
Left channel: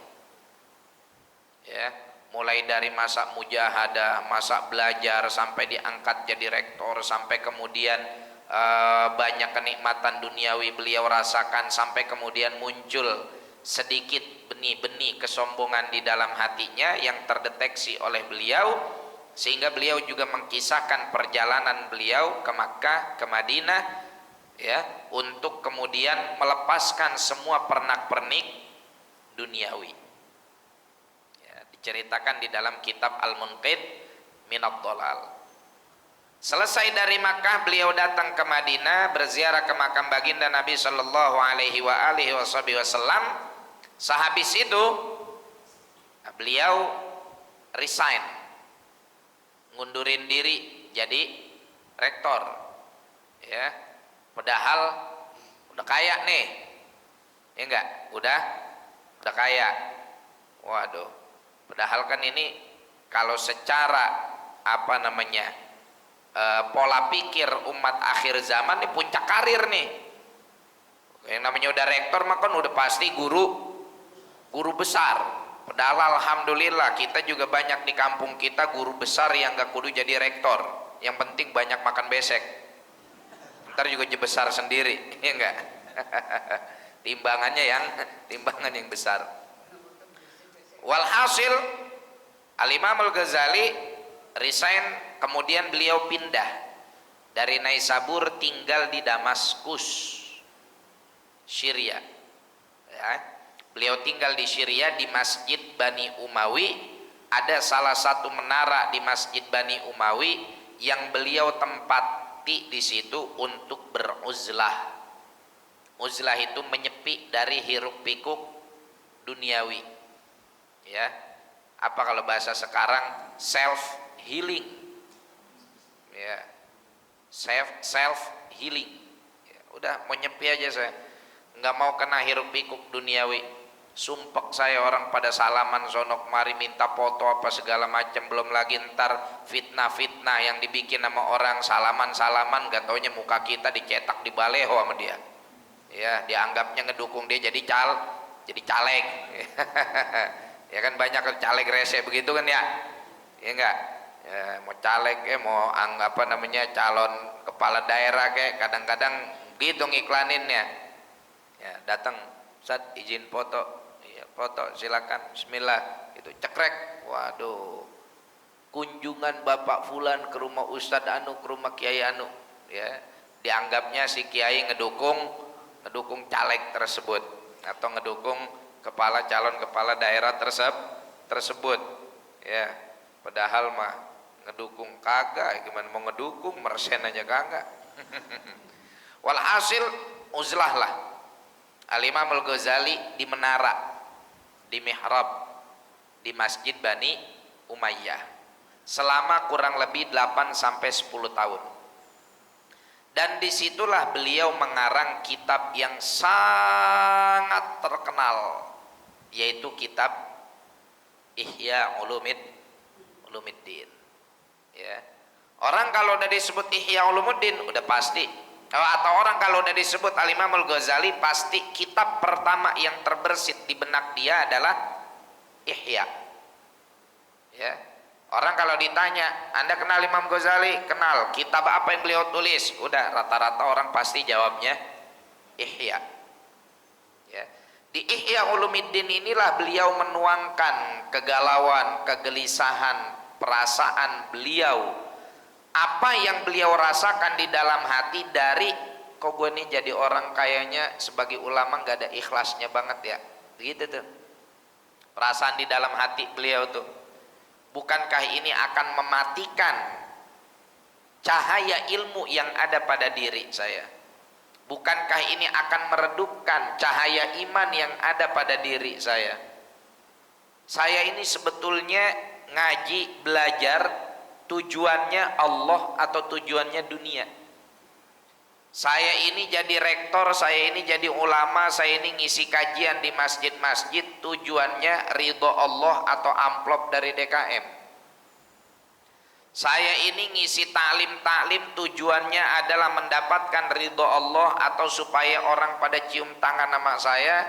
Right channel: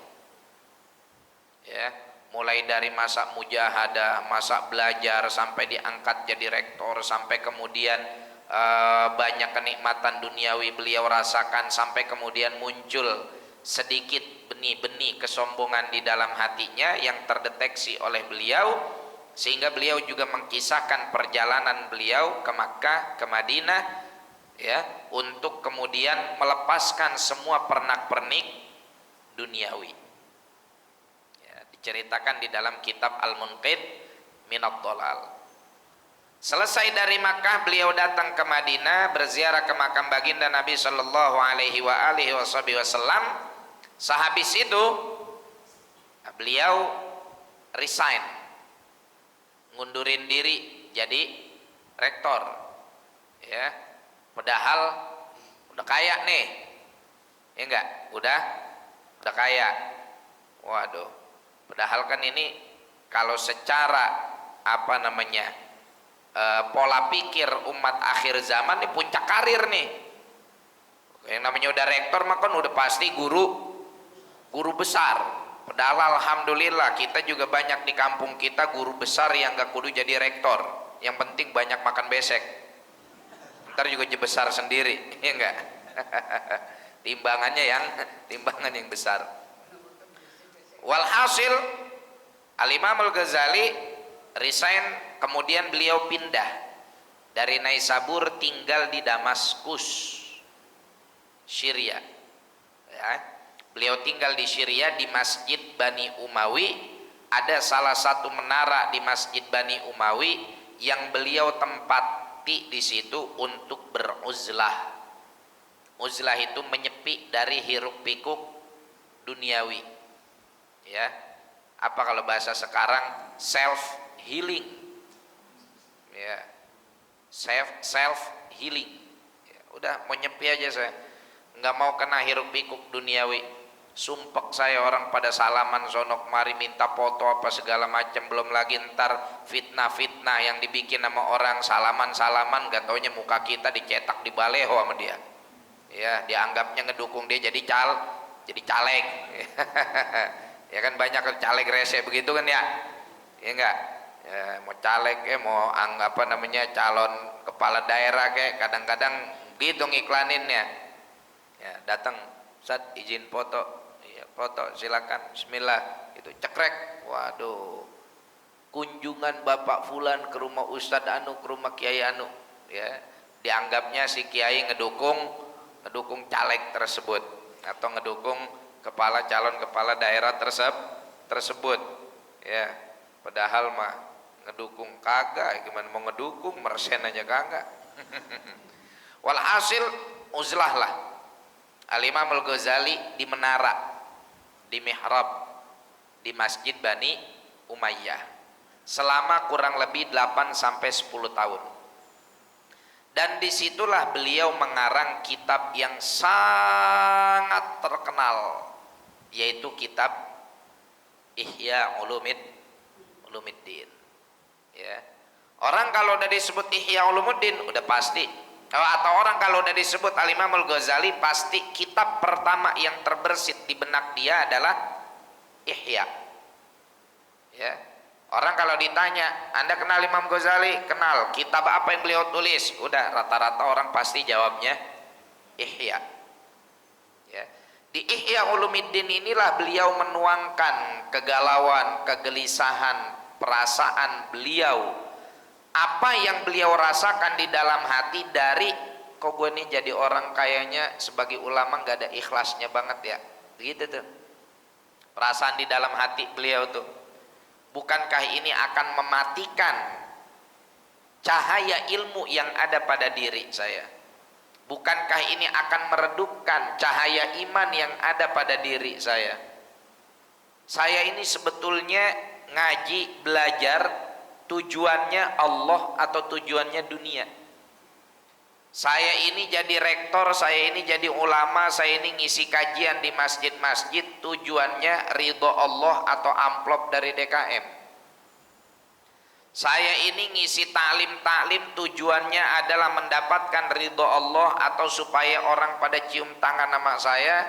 Ya, mulai dari masa mujahadah, masa belajar sampai diangkat jadi rektor, sampai kemudian banyak kenikmatan duniawi beliau rasakan, sampai kemudian muncul sedikit benih-benih kesombongan di dalam hatinya yang terdeteksi oleh beliau, sehingga beliau juga mengkisahkan perjalanan beliau ke Makkah, ke Madinah, ya, untuk kemudian melepaskan semua pernak-pernik duniawi. Ya, diceritakan di dalam kitab Al-Munqidh Minad Dhalal. Selesai dari Makkah, beliau datang ke Madinah, berziarah ke makam baginda Nabi sallallahu alaihi wasallam. Sehabis itu beliau resign, ngundurin diri jadi rektor. Ya, padahal udah kaya nih, ya enggak? Udah kaya. Waduh, padahal kan ini kalau secara pola pikir umat akhir zaman nih puncak karir nih. Yang namanya udah rektor maka udah pasti guru besar. Padahal alhamdulillah kita juga banyak di kampung kita guru besar yang gak kudu jadi rektor. Yang penting banyak makan besek. Ntar juga jadi besar sendiri, ya enggak? timbangan yang besar. Walhasil Al-Imam Al-Ghazali resign. Kemudian beliau pindah dari Naisabur, tinggal di Damaskus, Syria. Ya. Beliau tinggal di Syria di Masjid Bani Umawi. Ada salah satu menara di Masjid Bani Umawi yang beliau tempati di situ untuk beruzlah. Uzlah itu menyepi dari hiruk pikuk duniawi. Ya. Apa kalau bahasa sekarang self healing. Ya, self healing. Ya, udah mau nyepi aja saya, nggak mau kena hiruk pikuk duniawi. Sumpek saya orang pada salaman sonok mari minta foto apa segala macam, belum lagi ntar fitnah yang dibikin sama orang salaman gak taunya muka kita dicetak di baleho sama dia. Ya, dianggapnya ngedukung dia jadi caleg. Ya kan banyak caleg rese begitu kan ya, ya enggak. Ya, mau caleg mau calon kepala daerah kayak kadang-kadang gitu ngiklaninnya. Ya, datang, Ustaz izin foto. Ya, foto silakan, bismillah. Itu cekrek. Waduh. Kunjungan Bapak Fulan ke rumah Ustadz Anu, ke rumah Kiai Anu. Ya, dianggapnya si Kiai ngedukung caleg tersebut atau ngedukung calon kepala daerah tersebut. Ya, padahal mah ngedukung kagak, gimana mau ngedukung, mersen aja kagak. Walhasil uzlah lah Al-Imam Al-Ghazali di menara, di mihrab di Masjid Bani Umayyah selama kurang lebih 8-10 tahun. Dan disitulah beliau mengarang kitab yang sangat terkenal, yaitu kitab Ihya Ulumuddin. Ya. Orang kalau udah disebut Ihya Ulumuddin udah pasti, atau orang kalau udah disebut Al-Imam Al-Ghazali pasti kitab pertama yang terbersit di benak dia adalah Ihya. Ya. Orang kalau ditanya, Anda kenal Imam Ghazali? Kenal. Kitab apa yang beliau tulis? Udah rata-rata orang pasti jawabnya Ihya. Ya. Di Ihya Ulumuddin inilah beliau menuangkan kegalauan, kegelisahan, perasaan beliau, apa yang beliau rasakan di dalam hati dari kok gue nih jadi orang kayaknya sebagai ulama nggak ada ikhlasnya banget ya, begitu tuh perasaan di dalam hati beliau tuh. Bukankah ini akan mematikan cahaya ilmu yang ada pada diri saya? Bukankah ini akan meredupkan cahaya iman yang ada pada diri saya? Saya ini sebetulnya ngaji, belajar, tujuannya Allah atau tujuannya dunia? Saya ini jadi rektor, saya ini jadi ulama, saya ini ngisi kajian di masjid-masjid, tujuannya ridho Allah atau amplop dari DKM. Saya ini ngisi taklim-taklim, tujuannya adalah mendapatkan ridho Allah atau supaya orang pada cium tangan sama saya,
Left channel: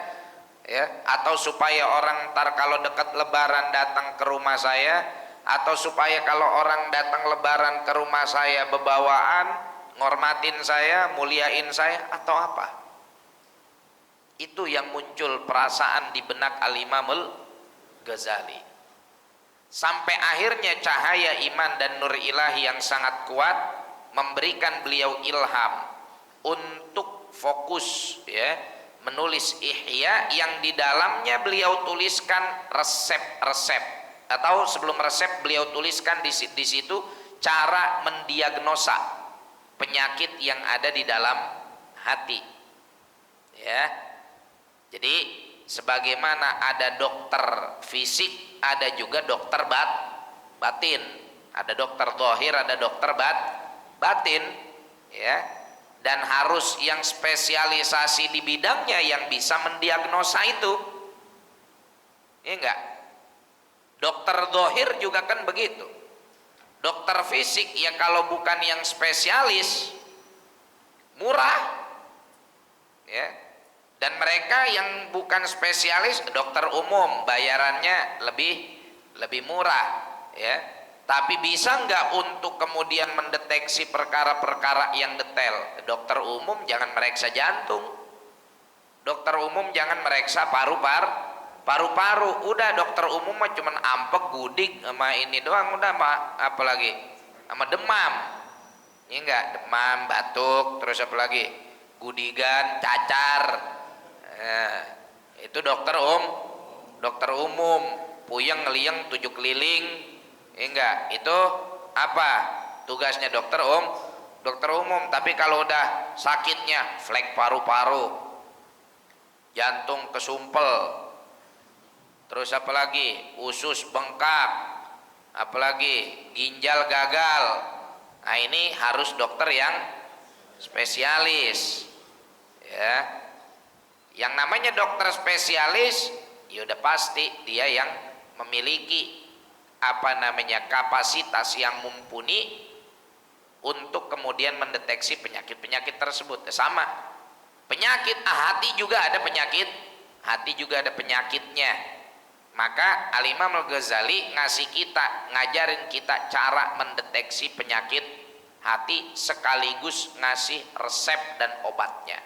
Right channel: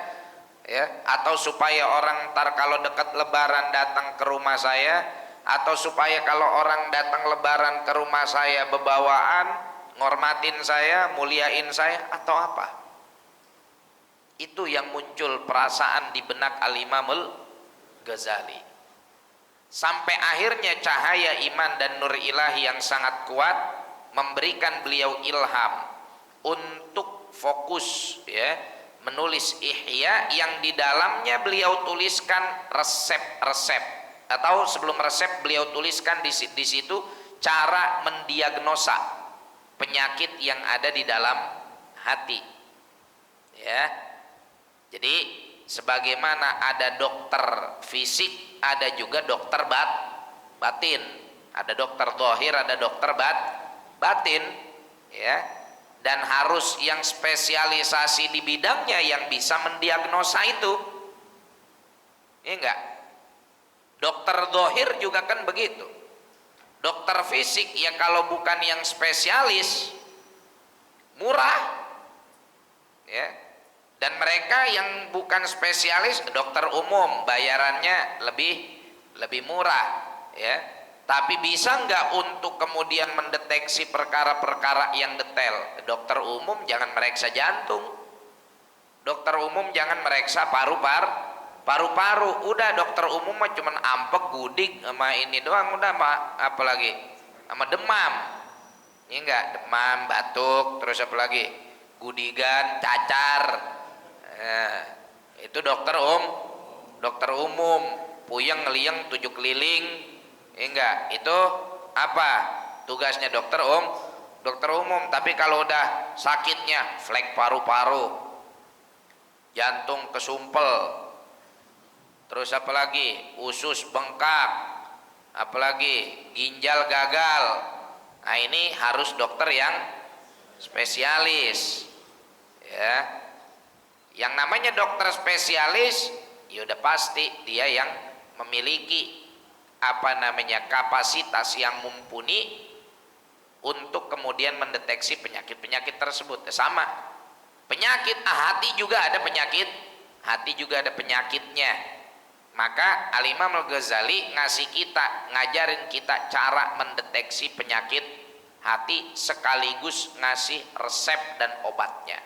ya, atau supaya orang ntar kalau dekat lebaran datang ke rumah saya, atau supaya kalau orang datang lebaran ke rumah saya bebawaan ngormatin saya, muliain saya, atau apa? Itu yang muncul perasaan di benak Al-Imam Al-Ghazali. Sampai akhirnya cahaya iman dan nur ilahi yang sangat kuat memberikan beliau ilham untuk fokus, ya, menulis Ihya yang di dalamnya beliau tuliskan resep-resep, atau sebelum resep beliau tuliskan di situ cara mendiagnosa penyakit yang ada di dalam hati, ya. Jadi sebagaimana ada dokter fisik, ada juga dokter batin, ada dokter zahir, ada dokter batin, ya. Dan harus yang spesialisasi di bidangnya yang bisa mendiagnosa itu, ya enggak? Dokter zahir juga kan begitu. Dokter fisik ya kalau bukan yang spesialis murah, ya. Dan mereka yang bukan spesialis dokter umum bayarannya lebih murah, ya. Tapi bisa nggak untuk kemudian mendeteksi perkara-perkara yang detail? Dokter umum jangan meriksa jantung, dokter umum jangan meriksa paru-paru, udah dokter umum mah cuman ampek, gudik sama ini doang, udah mah apalagi sama demam, ini enggak, demam, batuk, terus apa lagi, gudigan, cacar, itu dokter umum, puyeng ngelieng 7 keliling, ini enggak, itu apa tugasnya dokter umum. Tapi kalau udah sakitnya flek paru-paru, jantung kesumpel, terus apalagi usus bengkak, apalagi ginjal gagal, nah ini harus dokter yang spesialis, ya. Yang namanya dokter spesialis ya udah pasti dia yang memiliki kapasitas yang mumpuni untuk kemudian mendeteksi penyakit-penyakit tersebut. Sama penyakit hati juga ada penyakitnya. Maka Al-Imam Al-Ghazali ngajarin kita cara mendeteksi penyakit hati sekaligus ngasih resep dan obatnya.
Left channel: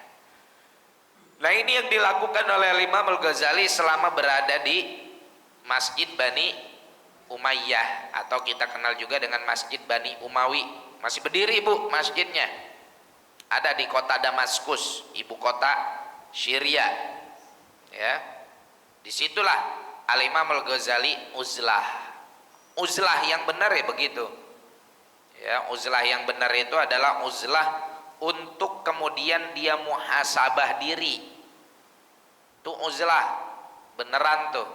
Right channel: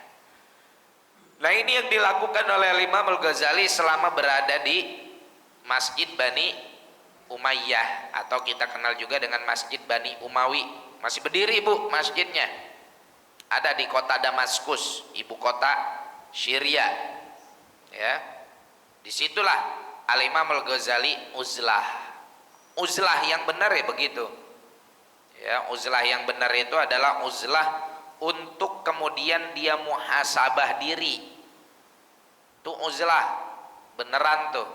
Nah ini yang dilakukan oleh Al-Imam Al-Ghazali selama berada di Masjid Bani Umayyah, atau kita kenal juga dengan Masjid Bani Umawi. Masih berdiri Bu masjidnya, ada di kota Damaskus, ibu kota Syria, ya. Disitulah Al-Imam Al-Ghazali uzlah yang benar ya begitu, ya. Uzlah yang benar itu adalah uzlah untuk kemudian dia muhasabah diri, itu uzlah beneran tuh,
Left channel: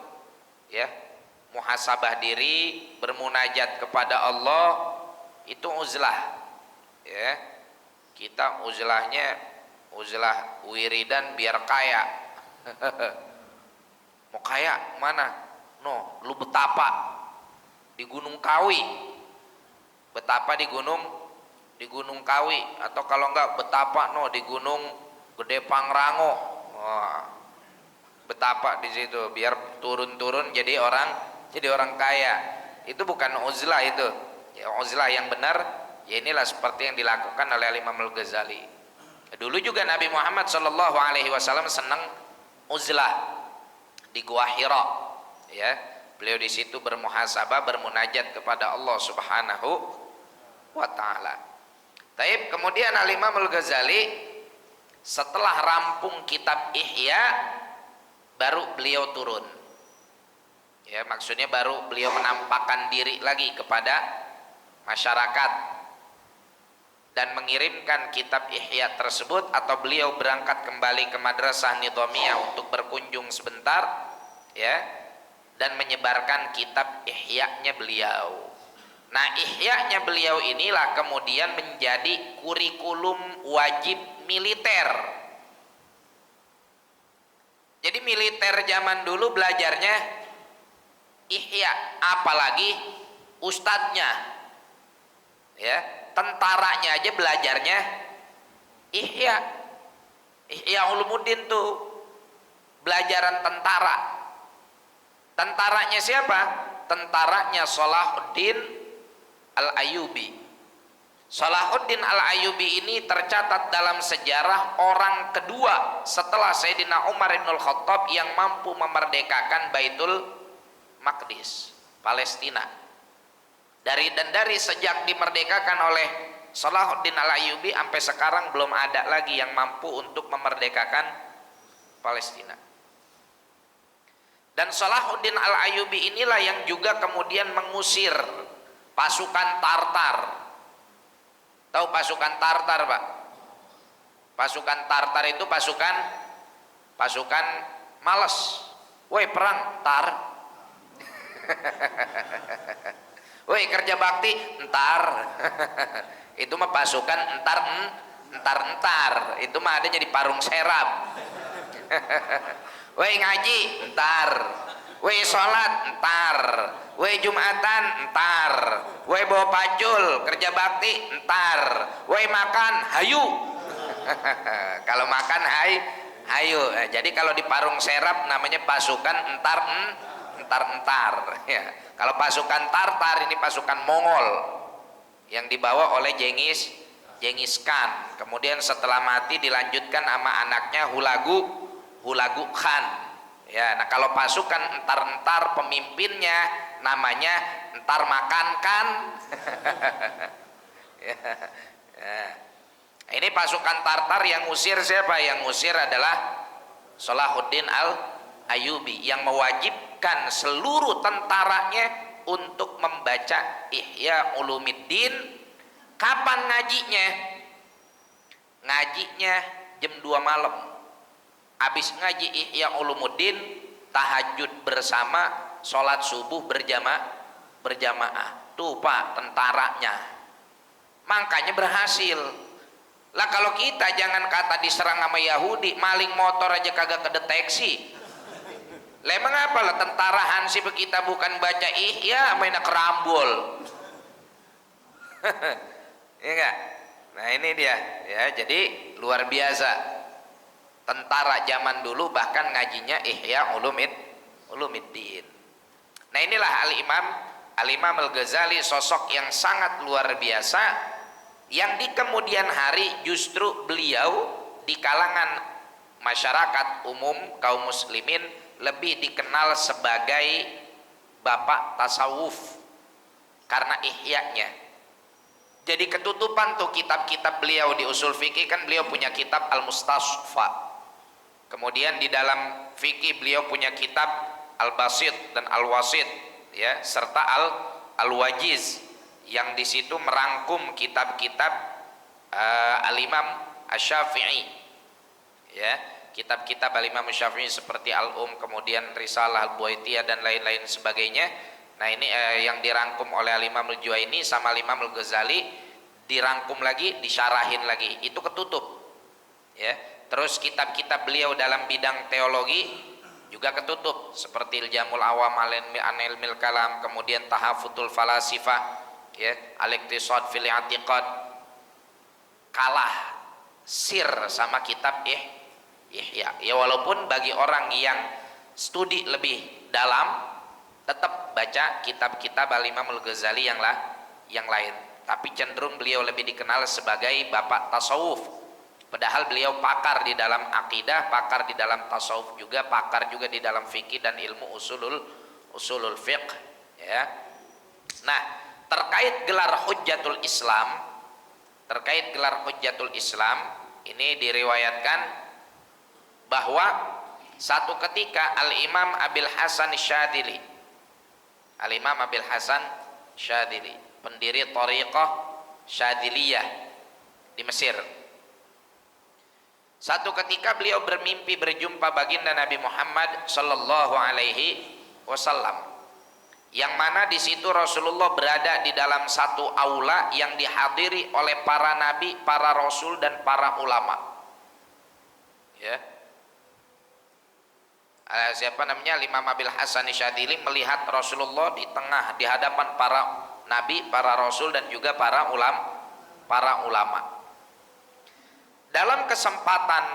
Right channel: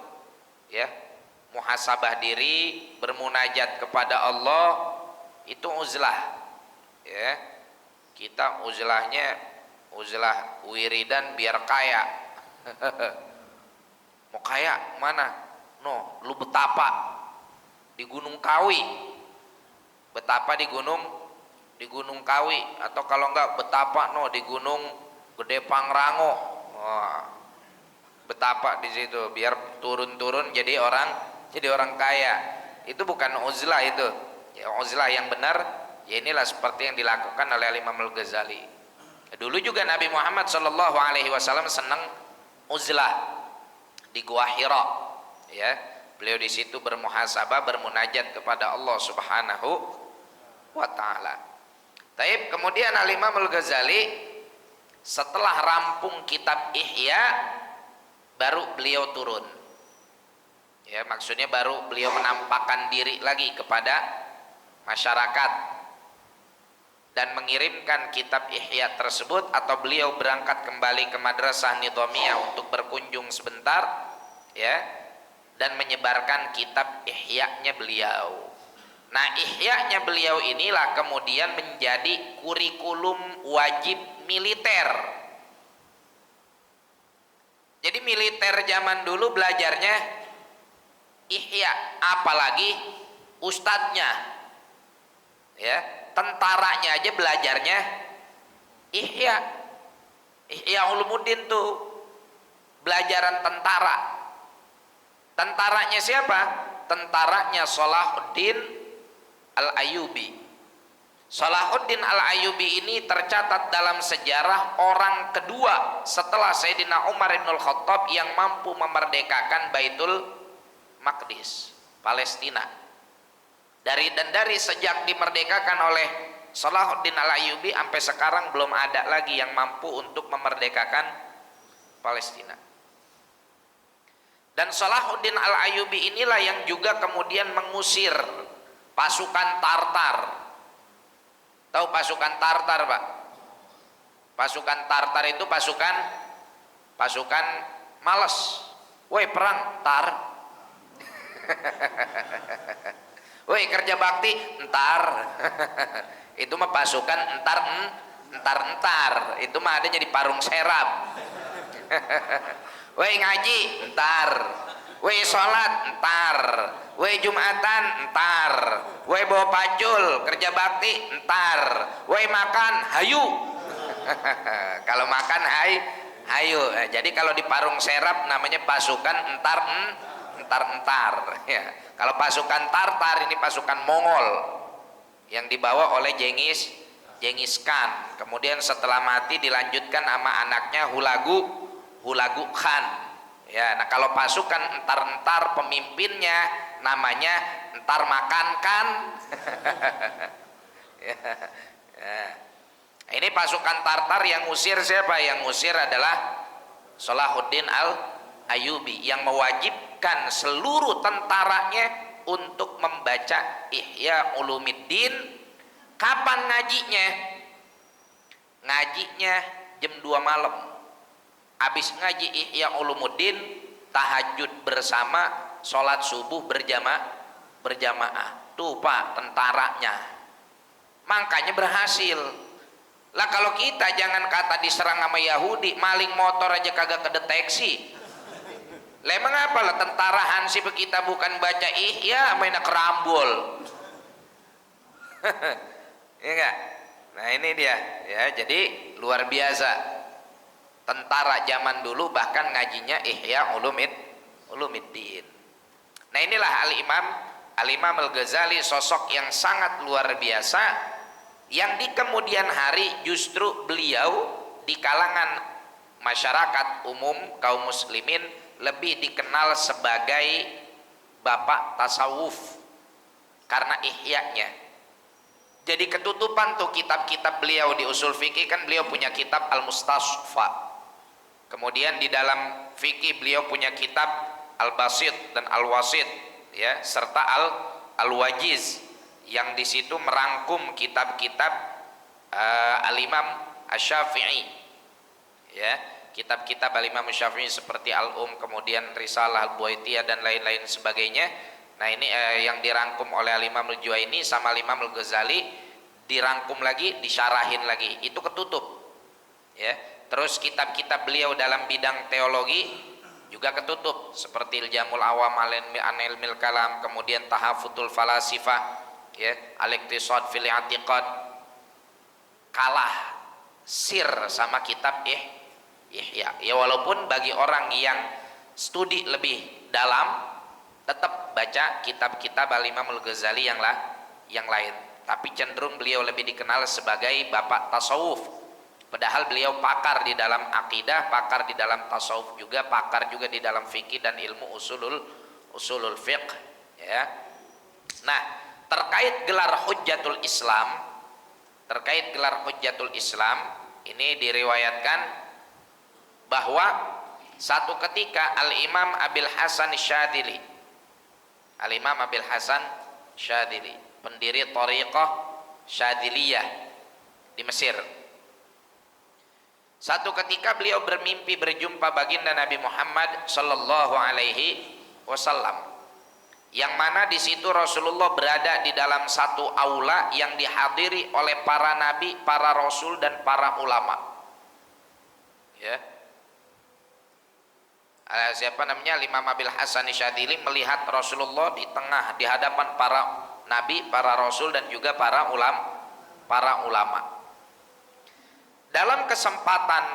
ya. Muhasabah diri, bermunajat kepada Allah, itu uzlah, ya. Kita uzlahnya uzlah wiridan biar kaya. Mau kaya mana? No, lu betapa di Gunung Kawi, betapa di Gunung Kawi, atau kalau enggak betapa no di Gunung Gede Pangrango. Wah, betapa di situ biar turun-turun jadi orang kaya. Itu bukan uzlah itu. Ya, uzlah yang benar ya inilah seperti yang dilakukan oleh Imam Al-Ghazali. Dulu juga Nabi Muhammad SAW senang uzlah di Gua Hira, ya. Beliau di situ bermuhasabah, bermunajat kepada Allah Subhanahu wa taala. Taib, kemudian Al-Imam Al-Ghazali Setelah rampung kitab Ihya baru beliau turun. Ya, maksudnya baru beliau menampakkan diri lagi kepada masyarakat dan mengirimkan kitab Ihya tersebut, atau beliau berangkat kembali ke Madrasah Nidhamiyah untuk berkunjung sebentar, ya, dan menyebarkan kitab Ihya-nya beliau. Nah, Ihya-nya beliau inilah kemudian menjadi kurikulum wajib militer. Jadi militer zaman dulu belajarnya Ihya, apalagi ustadznya, ya, tentaranya aja belajarnya Ihya. Ihya Ulumuddin tuh belajaran tentara. Tentaranya siapa? Tentaranya Salahuddin Al-Ayyubi. Salahuddin Al-Ayyubi ini tercatat dalam sejarah orang kedua setelah Sayyidina Umar bin Khattab yang mampu memerdekakan Baitul Maqdis, Palestina. Dari sejak dimerdekakan oleh Salahuddin Al-Ayyubi sampai sekarang belum ada lagi yang mampu untuk memerdekakan Palestina. Dan Salahuddin Al-Ayyubi inilah yang juga kemudian mengusir pasukan Tartar. Tahu pasukan Tartar, Pak? Pasukan Tartar itu pasukan malas. Woi, perang tar. Woi, kerja bakti entar. Itu mah pasukan entar. Itu mah adanya di Parung Serap. Woi, ngaji entar. Woi, sholat entar. Woi, Jumatan entar. Woi, bawa pacul kerja bakti entar. Woi, makan hayu. Kalau makan hayu. Jadi kalau di Parung Serap namanya pasukan entar. Ya. Kalau pasukan Tartar ini pasukan Mongol yang dibawa oleh Genghis Khan. Kemudian setelah mati dilanjutkan sama anaknya Hulagu Khan. Ya, nah kalau pasukan entar pemimpinnya namanya entar makan kan. Ya, ya. Ini pasukan Tartar yang ngusir siapa? Yang ngusir adalah Salahuddin Al-Ayyubi yang mewajibkan seluruh tentaranya untuk membaca Ihya Ulumuddin. Kapan ngajinya? Ngajinya jam 2 malam. Habis ngaji Ihya Ulumuddin, tahajud bersama, sholat subuh berjamaah. Tuh Pak, tentaranya. Makanya berhasil. Lah kalau kita jangan kata diserang sama Yahudi, maling motor aja kagak kedeteksi. Lah emang apa lah tentara Hansip kita bukan baca Ihya, main kerambol. Ya enggak? Nah ini dia, ya. Jadi luar biasa. Tentara zaman dulu bahkan ngajinya Ihya Ulumuddin. Nah inilah Al-Imam Al-Ghazali, sosok yang sangat luar biasa, yang di kemudian hari justru beliau di kalangan masyarakat umum kaum muslimin lebih dikenal sebagai bapak tasawuf karena ihya'nya. Jadi ketutupan tuh kitab-kitab beliau di usul fikih, kan beliau punya kitab Al-Mustasfa. Kemudian di dalam fikih beliau punya kitab Al-Basit dan Al-Wasit, ya, serta Al-Wajiz, yang di situ merangkum kitab-kitab Al-Imam Asy-Syafi'i, ya, kitab-kitab Al-Imam Asy-Syafi'i seperti Al-Um, kemudian Risalah Al-Buaitiyah dan lain-lain sebagainya. Nah ini yang dirangkum oleh Al-Imam Al-Juwaini sama Al-Imam Al-Ghazali, dirangkum lagi, disyarahin lagi, itu ketutup, ya. Terus kitab-kitab beliau dalam bidang teologi juga ketutup, seperti Al-Jamul Awam an Ilmil Kalam, kemudian Tahafutul Falasifah, ya, Al-Iqtisad fil I'tiqad. Kalah sir sama kitab Ihya. Ya walaupun bagi orang yang studi lebih dalam tetap baca kitab-kitab Al-Imam Al-Ghazali yang lain, tapi cenderung beliau lebih dikenal sebagai bapak tasawuf. Padahal beliau pakar di dalam akidah, pakar di dalam tasawuf juga, pakar juga di dalam fikih dan ilmu usulul fiqh, ya. Nah, terkait gelar Hujjatul Islam, Ini diriwayatkan bahwa satu ketika Al-Imam Abil Hasan Syadzili, Al-Imam Abil Hasan Syadzili, pendiri Thariqah Syadziliyah di Mesir. Satu ketika beliau bermimpi berjumpa baginda Nabi Muhammad sallallahu alaihi wasallam, yang mana di situ Rasulullah berada di dalam satu aula yang dihadiri oleh para nabi, para rasul dan para ulama. Ya. Siapa namanya? Imam Abil Hasan Syadzili melihat Rasulullah di tengah, di hadapan para nabi, para rasul dan juga para ulama. Dalam kesempatan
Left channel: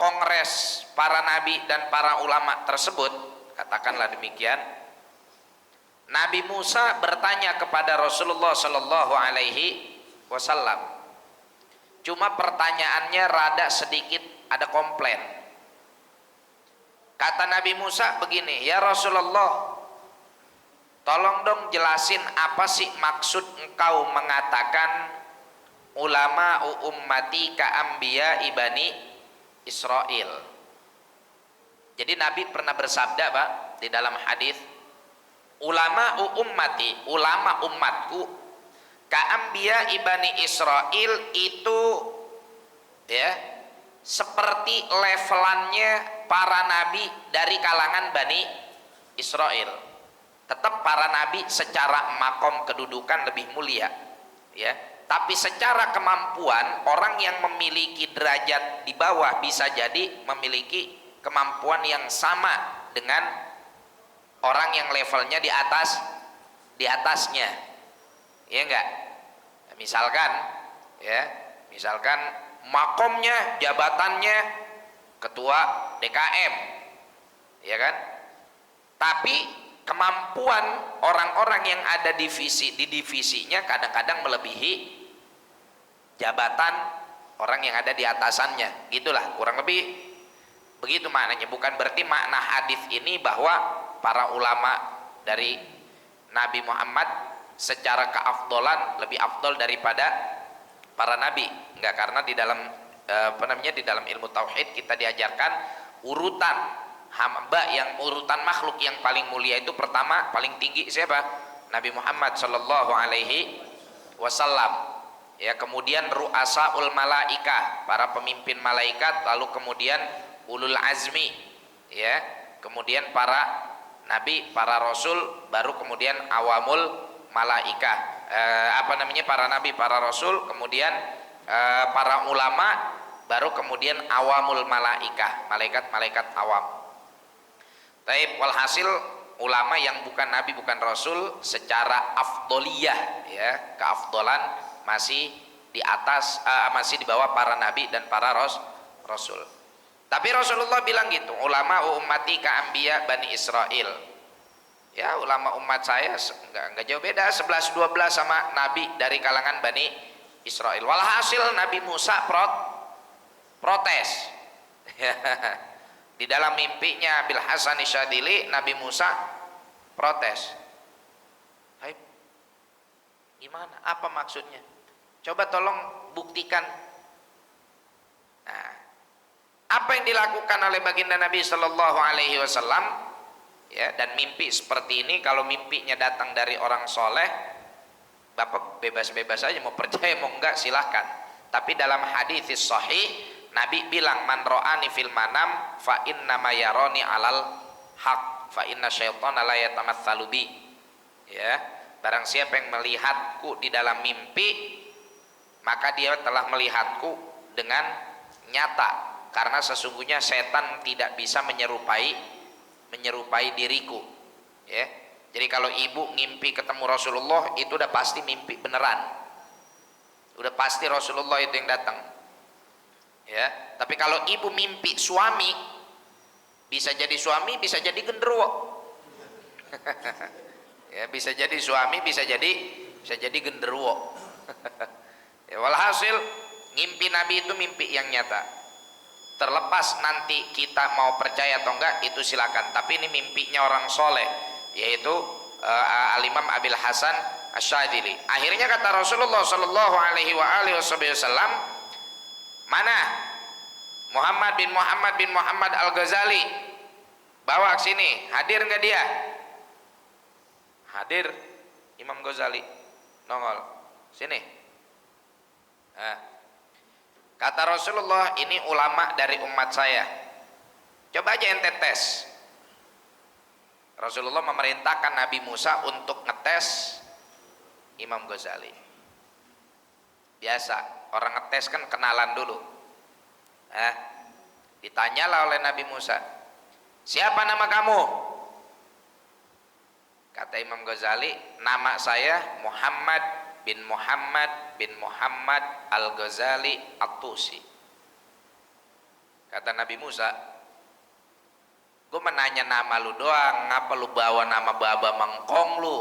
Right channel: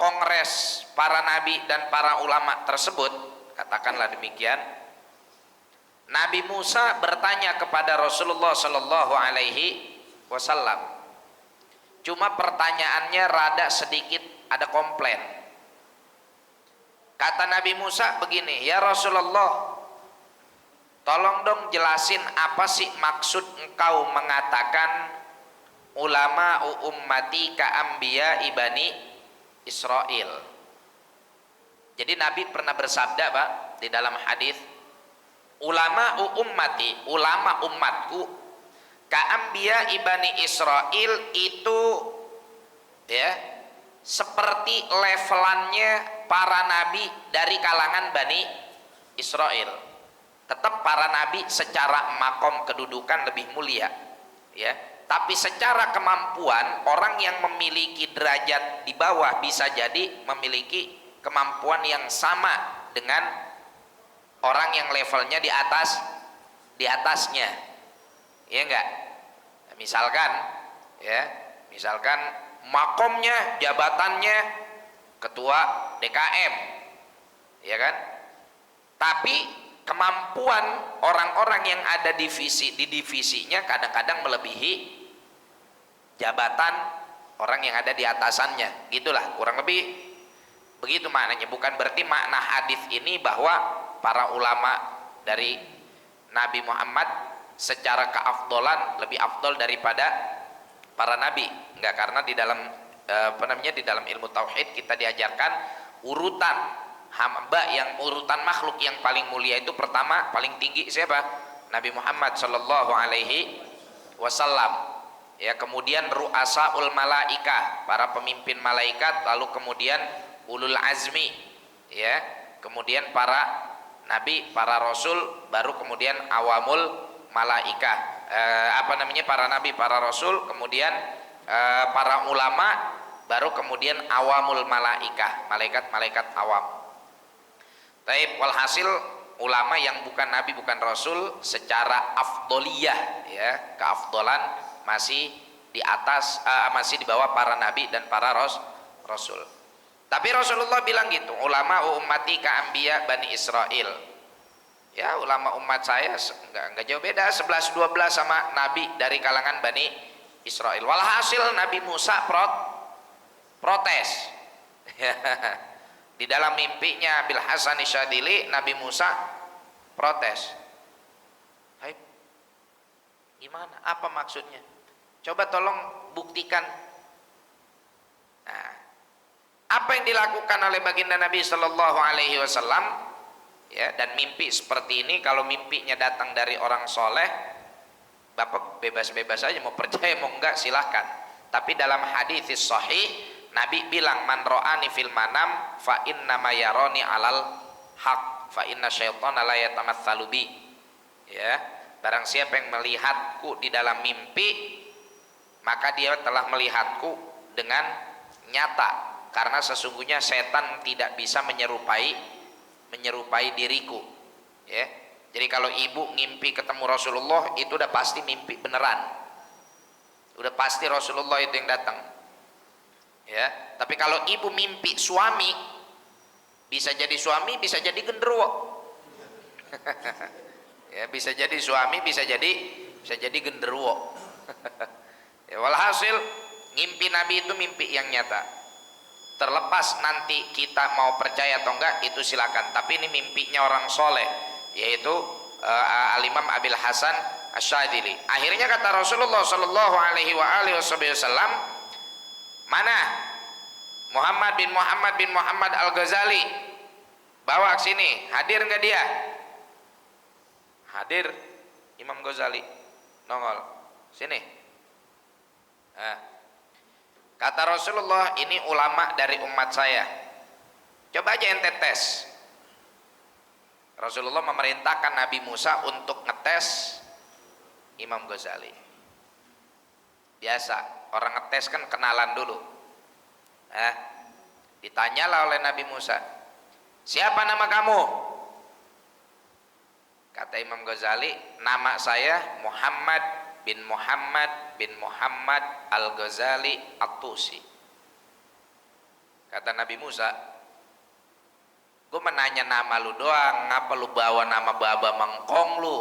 kongres para nabi dan para ulama tersebut, katakanlah demikian, Nabi Musa bertanya kepada Rasulullah sallallahu alaihi wasallam. Cuma pertanyaannya rada sedikit ada komplain. Kata Nabi Musa begini, "Ya Rasulullah, tolong dong jelasin apa sih maksud engkau mengatakan ulama ummati ka anbiya ibani Israel." Jadi Nabi pernah bersabda, Pak, di dalam hadis, ulama ummati, ulama umatku ka anbiya ibani Israel, itu ya seperti levelannya para nabi dari kalangan Bani Israel. Tetap para nabi secara makom kedudukan lebih mulia, ya. Tapi secara kemampuan, orang yang memiliki derajat di bawah bisa jadi memiliki kemampuan yang sama dengan orang yang levelnya di atasnya. Ya enggak? Misalkan makomnya, jabatannya ketua DKM, ya kan? Tapi kemampuan orang-orang yang ada di divisinya kadang-kadang melebihi jabatan orang yang ada di atasannya. Gitulah kurang lebih begitu maknanya. Bukan berarti makna hadis ini bahwa para ulama dari Nabi Muhammad secara keafdolan lebih afdol daripada para nabi. Enggak, karena di dalam di dalam ilmu tauhid kita diajarkan urutan hamba, yang urutan makhluk yang paling mulia itu pertama paling tinggi siapa? Nabi Muhammad sallallahu alaihi wasallam. Ya, kemudian ru'asaul malaika, para pemimpin malaikat, lalu kemudian ulul azmi, ya, kemudian para nabi, para rasul, baru kemudian awamul malaika. Para nabi, para rasul, kemudian para ulama, baru kemudian awamul malaika, malaikat awam. Taib, walhasil ulama yang bukan nabi, bukan rasul secara afdoliyah, ya, keafdolan masih di atas, masih di bawah para nabi dan para rasul. Tapi Rasulullah bilang gitu, ulama ummati ka anbiya bani Israel. Ya, ulama umat saya enggak jauh beda 11-12 sama nabi dari kalangan Bani Israel. Walhasil Nabi Musa protes. Di dalam mimpinya Abil Hasan Syadzili, Nabi Musa protes. Hai, gimana? Apa maksudnya? Coba tolong buktikan. Nah, apa yang dilakukan oleh baginda Nabi Sallallahu Alaihi Wasallam? Ya, dan mimpi seperti ini kalau mimpinya datang dari orang soleh, Bapak bebas-bebas aja, mau percaya mau enggak silahkan. Tapi dalam hadis sahih Nabi bilang, man ra'ani fil manam fa inna ma yarani alal haq fa inna syaitana la yatamatsalu bi. Ya, barang siapa yang melihatku di dalam mimpi, maka dia telah melihatku dengan nyata, karena sesungguhnya setan tidak bisa menyerupai diriku. Ya, jadi kalau ibu ngimpi ketemu Rasulullah, itu udah pasti mimpi beneran, udah pasti Rasulullah itu yang datang. Ya, tapi kalau ibu mimpi suami, bisa jadi suami, bisa jadi genderuwo. Ya, bisa jadi suami, bisa jadi genderuwo. Ya, walhasil ngimpi Nabi itu mimpi yang nyata. Terlepas nanti kita mau percaya atau enggak, itu silakan. Tapi ini mimpinya orang soleh, yaitu Al-Imam Abil Hasan Syadzili. Akhirnya kata Rasulullah Sallallahu Alaihi Wasallam, Mana? Muhammad bin Muhammad Al-Ghazali. Bawa ke sini. Hadir nggak dia? Hadir. Imam Ghazali nongol. Sini. Nah. Kata Rasulullah, ini ulama dari umat saya. Coba aja ente tes. Rasulullah memerintahkan Nabi Musa untuk ngetes Imam Ghazali. Biasa, orang ngetes kan kenalan dulu. Ditanyalah oleh Nabi Musa, siapa nama kamu? Kata Imam Ghazali, nama saya Muhammad bin Muhammad Al-Ghazali At-Tusi. Kata Nabi Musa, gue menanya nama lu doang, ngapa lu bawa nama baba mengkong lu?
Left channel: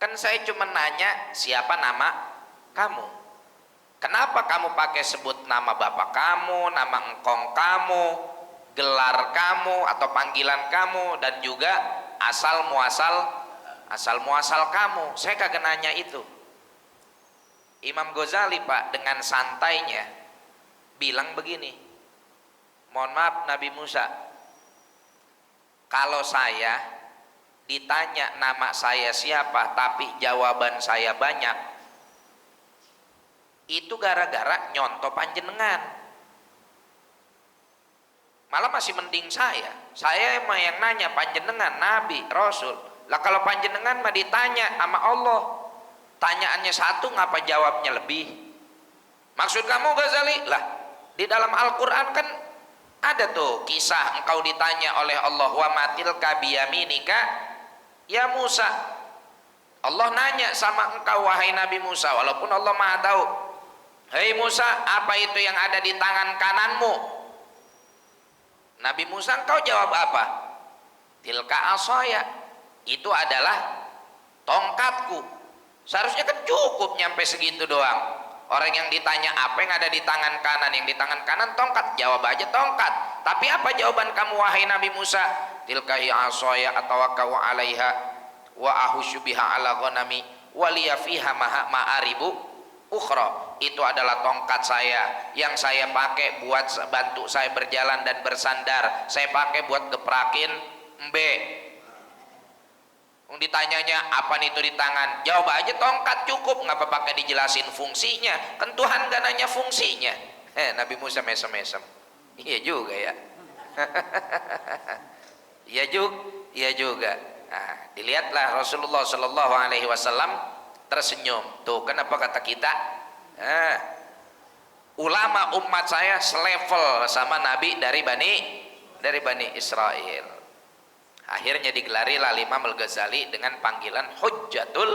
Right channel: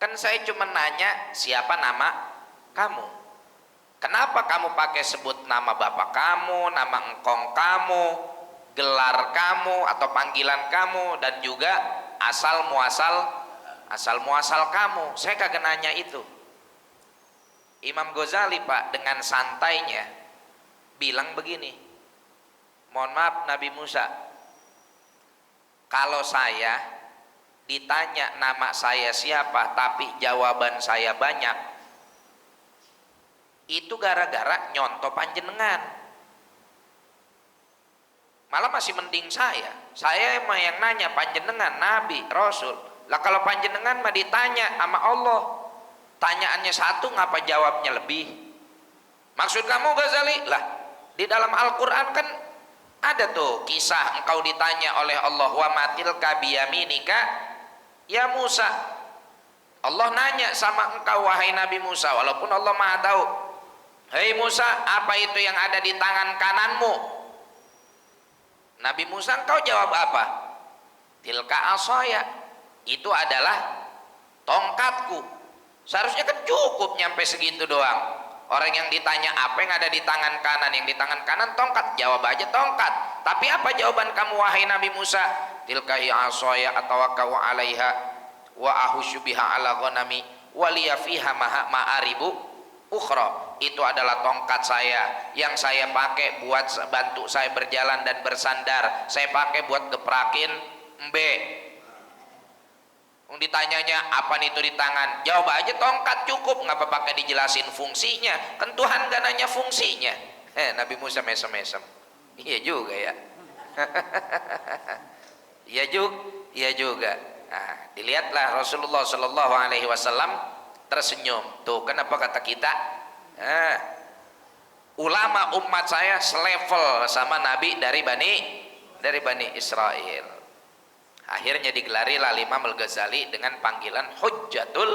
Kan saya cuma nanya siapa nama kamu. Kenapa kamu pakai sebut nama bapak kamu, nama engkong kamu, gelar kamu atau panggilan kamu, dan juga asal muasal kamu? Saya kagak nanya itu. Imam Ghazali Pak dengan santainya bilang begini, mohon maaf Nabi Musa, kalau saya ditanya nama saya siapa tapi jawaban saya banyak, itu gara-gara nyontoh panjenengan. Malah masih mending saya emang yang nanya panjenengan Nabi Rasul. Lah kalau panjenengan mah ditanya sama Allah, tanyaannya satu ngapa jawabnya lebih? Maksud kamu Ghazali? Lah di dalam Al-Quran kan ada tuh kisah engkau ditanya oleh Allah, wa matil kabiyaminika ya Musa. Allah nanya sama engkau wahai Nabi Musa, walaupun Allah Maha tahu. Hei Musa, apa itu yang ada di tangan kananmu? Nabi Musa, engkau jawab apa? Tilka asaya, itu adalah tongkatku. Seharusnya kan cukup nyampe segitu doang. Orang yang ditanya apa yang ada di tangan kanan, yang di tangan kanan tongkat, jawab aja tongkat. Tapi apa jawaban kamu wahai Nabi Musa? Tilka asaya atawakkau 'alaiha wa ahusyu biha 'ala ghanami wa liya fiha ma'aribu ukhra. Itu adalah tongkat saya yang saya pakai buat bantu saya berjalan dan bersandar. Saya pakai buat geprakin embe. Ditanyanya apa itu di tangan, jawab aja tongkat cukup, ngapa pakai dijelasin fungsinya? Kan Tuhan gak nanya fungsinya. Nabi Musa mesem-mesem. Iya juga ya. Iya juga. Nah, dilihatlah Rasulullah Shallallahu Alaihi Wasallam tersenyum. Tuh kenapa kata kita, ulama umat saya selevel sama Nabi dari Bani Israel. Akhirnya digelarilah Imam Al-Ghazali dengan panggilan Hujjatul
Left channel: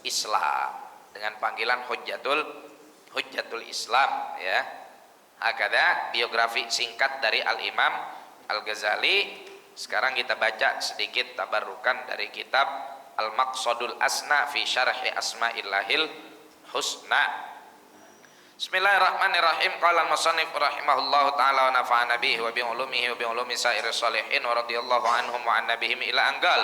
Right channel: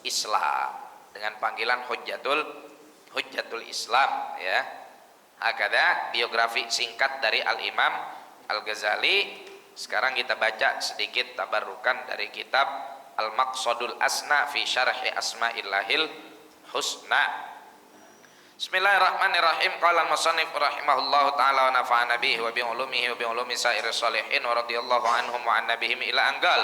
Islam, dengan panggilan Hujjatul Islam, ya. Hakada biografi singkat dari Al-Imam Al-Ghazali. Sekarang kita baca sedikit tabarukan dari kitab Al-Maqsadul Asna fi Syarhi Asma'illahil Husna. Bismillahirrahmanirrahim. Qala al-musannif rahimahullahu taala wa nafa'ana bihi wa bi ulumihi wa bi ulumi sa'iris shalihin wa radhiyallahu anhum wa an nabihim ila anggal.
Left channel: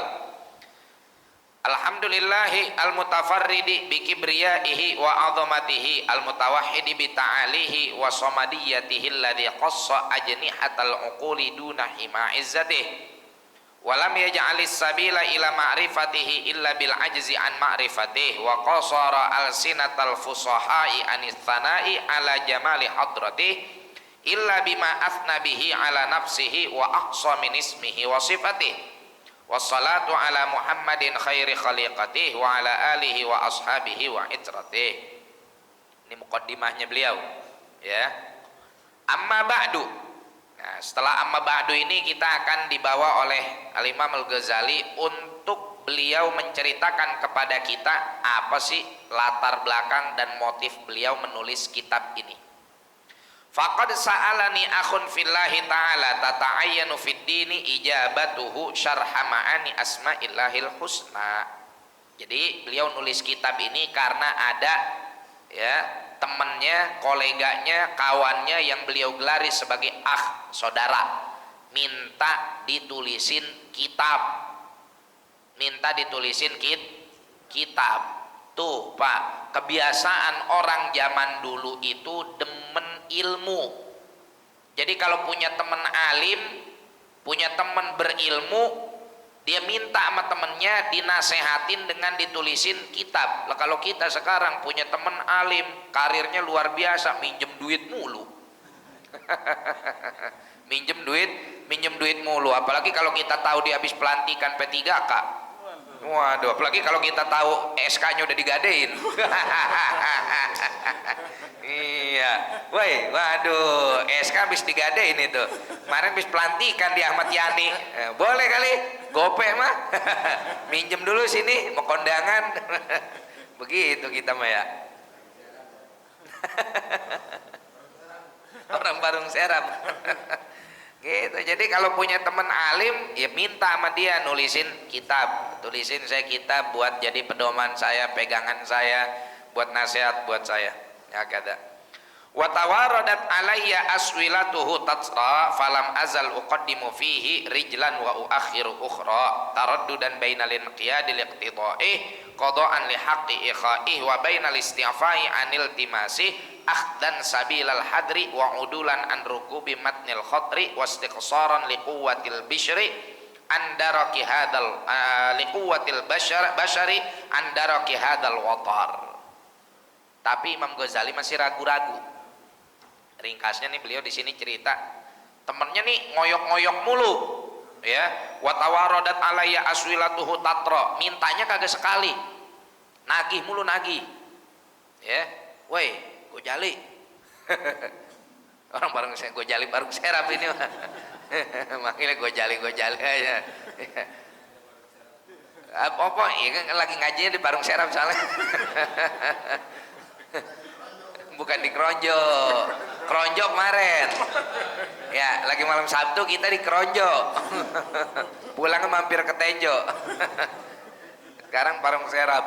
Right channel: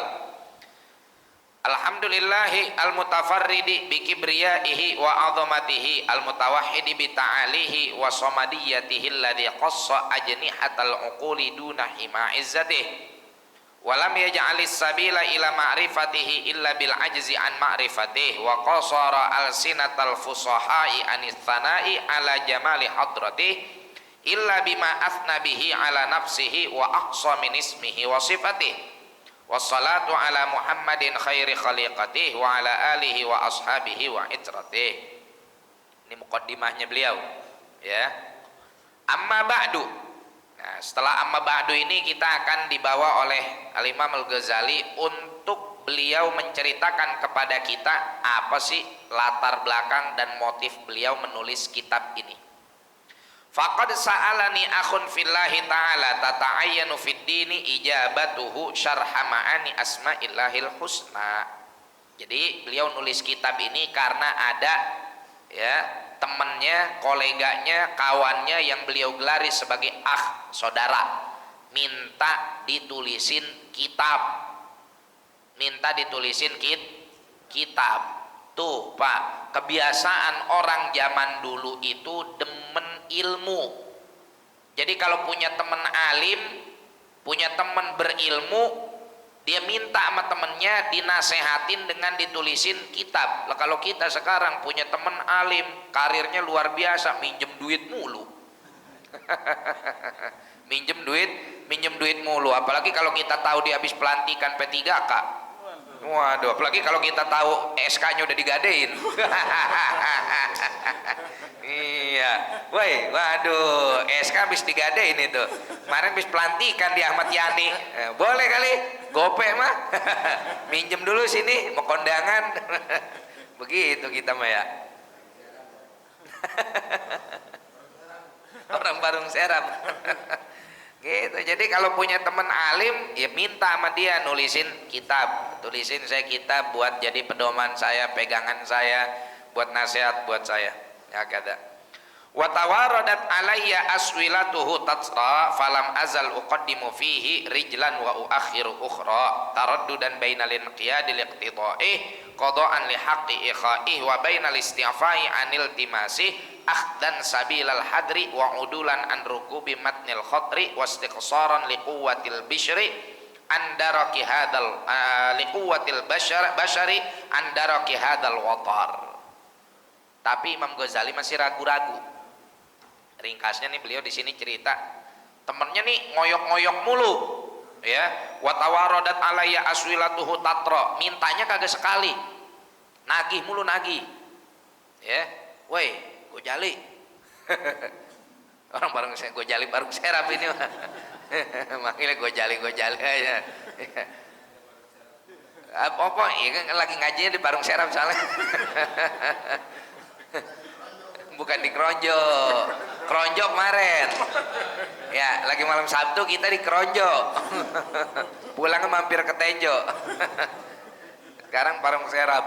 Alhamdulillahi al-mutafarridi bi kibriyaihi wa 'azamatihi al-mutawahhidi bi ta'alihi wa samadiyatihi alladhi qassa ajnihatal uquli duna hima izzatihi wa lam yaj'alis sabila ila ma'rifatihi illa bil ajzi an ma'rifatihi wa qasara al-sinatal fusahai anis thana'i ala jamali hadratihi illa bima athna bihi ala nafsihi wa aqsa min ismihi wa sifatihi wassalatu ala Muhammadin khairi khaliqatihi wa ala alihi wa ashabihi wa itratihi. Ini muqaddimahnya beliau, ya. Amma ba'du. Nah, setelah amma ba'du ini kita akan dibawa oleh Al-Imam Al-Ghazali untuk beliau menceritakan kepada kita apa sih latar belakang dan motif beliau menulis kitab ini. Faqad sa'alani akhun fillahi ta'ala tata'ayyanu fid dini ijabatuhu syarha ma'ani asma'illahil husna. Jadi beliau nulis kitab ini karena ada, ya, temannya, koleganya, kawannya yang beliau gelari sebagai saudara, minta ditulisin kitab. Tuh Pak, kebiasaan orang zaman dulu itu demen ilmu. Jadi kalau punya teman alim, punya teman berilmu, dia minta sama temennya dinasehatin dengan ditulisin kitab. Lah kalau kita sekarang punya teman alim, karirnya luar biasa, minjem duit mulu. minjem duit mulu. Apalagi kalau kita tahu dia habis pelantikan P3K. Waduh, apalagi kalau kita tahu SK-nya udah digadein. Iya, woi, waduh, SK habis digadein itu. Kemarin habis pelantikan di Ahmad Yani. Boleh kali, gope mah. Minjem dulu sini, mau kondangan. Begitu kita mah ya. Orang Barung Serap. Gitu. Jadi kalau punya teman alim, ya minta sama dia nulisin kitab, tulisin saya kitab buat jadi pedoman saya, pegangan saya, buat nasihat buat saya. Ya kada. Wa tawaradat alayya aswilatuhu tatsra falam azal uqaddimu fihi rijlan wa uakhiru ukhra taraddudan bainal inqiyadil iqtidai qada'an li haqqi ikhaih wa bainal isti'fai anil timasi akhdan sabilal hadri wa udulan an rukubi matnil khatri wastiqsaran liquwatil bishri andaraki hadal liquwatil bashari andaraki hadal watar. Tapi Imam Ghazali masih ragu-ragu. Ringkasnya nih, beliau di sini cerita temennya nih ngoyok-ngoyok mulu ya, wa tawaradat alayya aswilatuhu tatra, mintanya kagak sekali, nagih mulu nagih ya. Woi Gojali. Orang bareng saya Gojali Barung Serap ini mah. Manggilnya Gojali aja. Apa ya kan lagi ngajinya di Barung Serap soalnya. Bukan di Kronjo kemarin ya, lagi malam Sabtu kita di Kronjo. Pulangnya mampir ke Tenjo. Sekarang Barung Serap.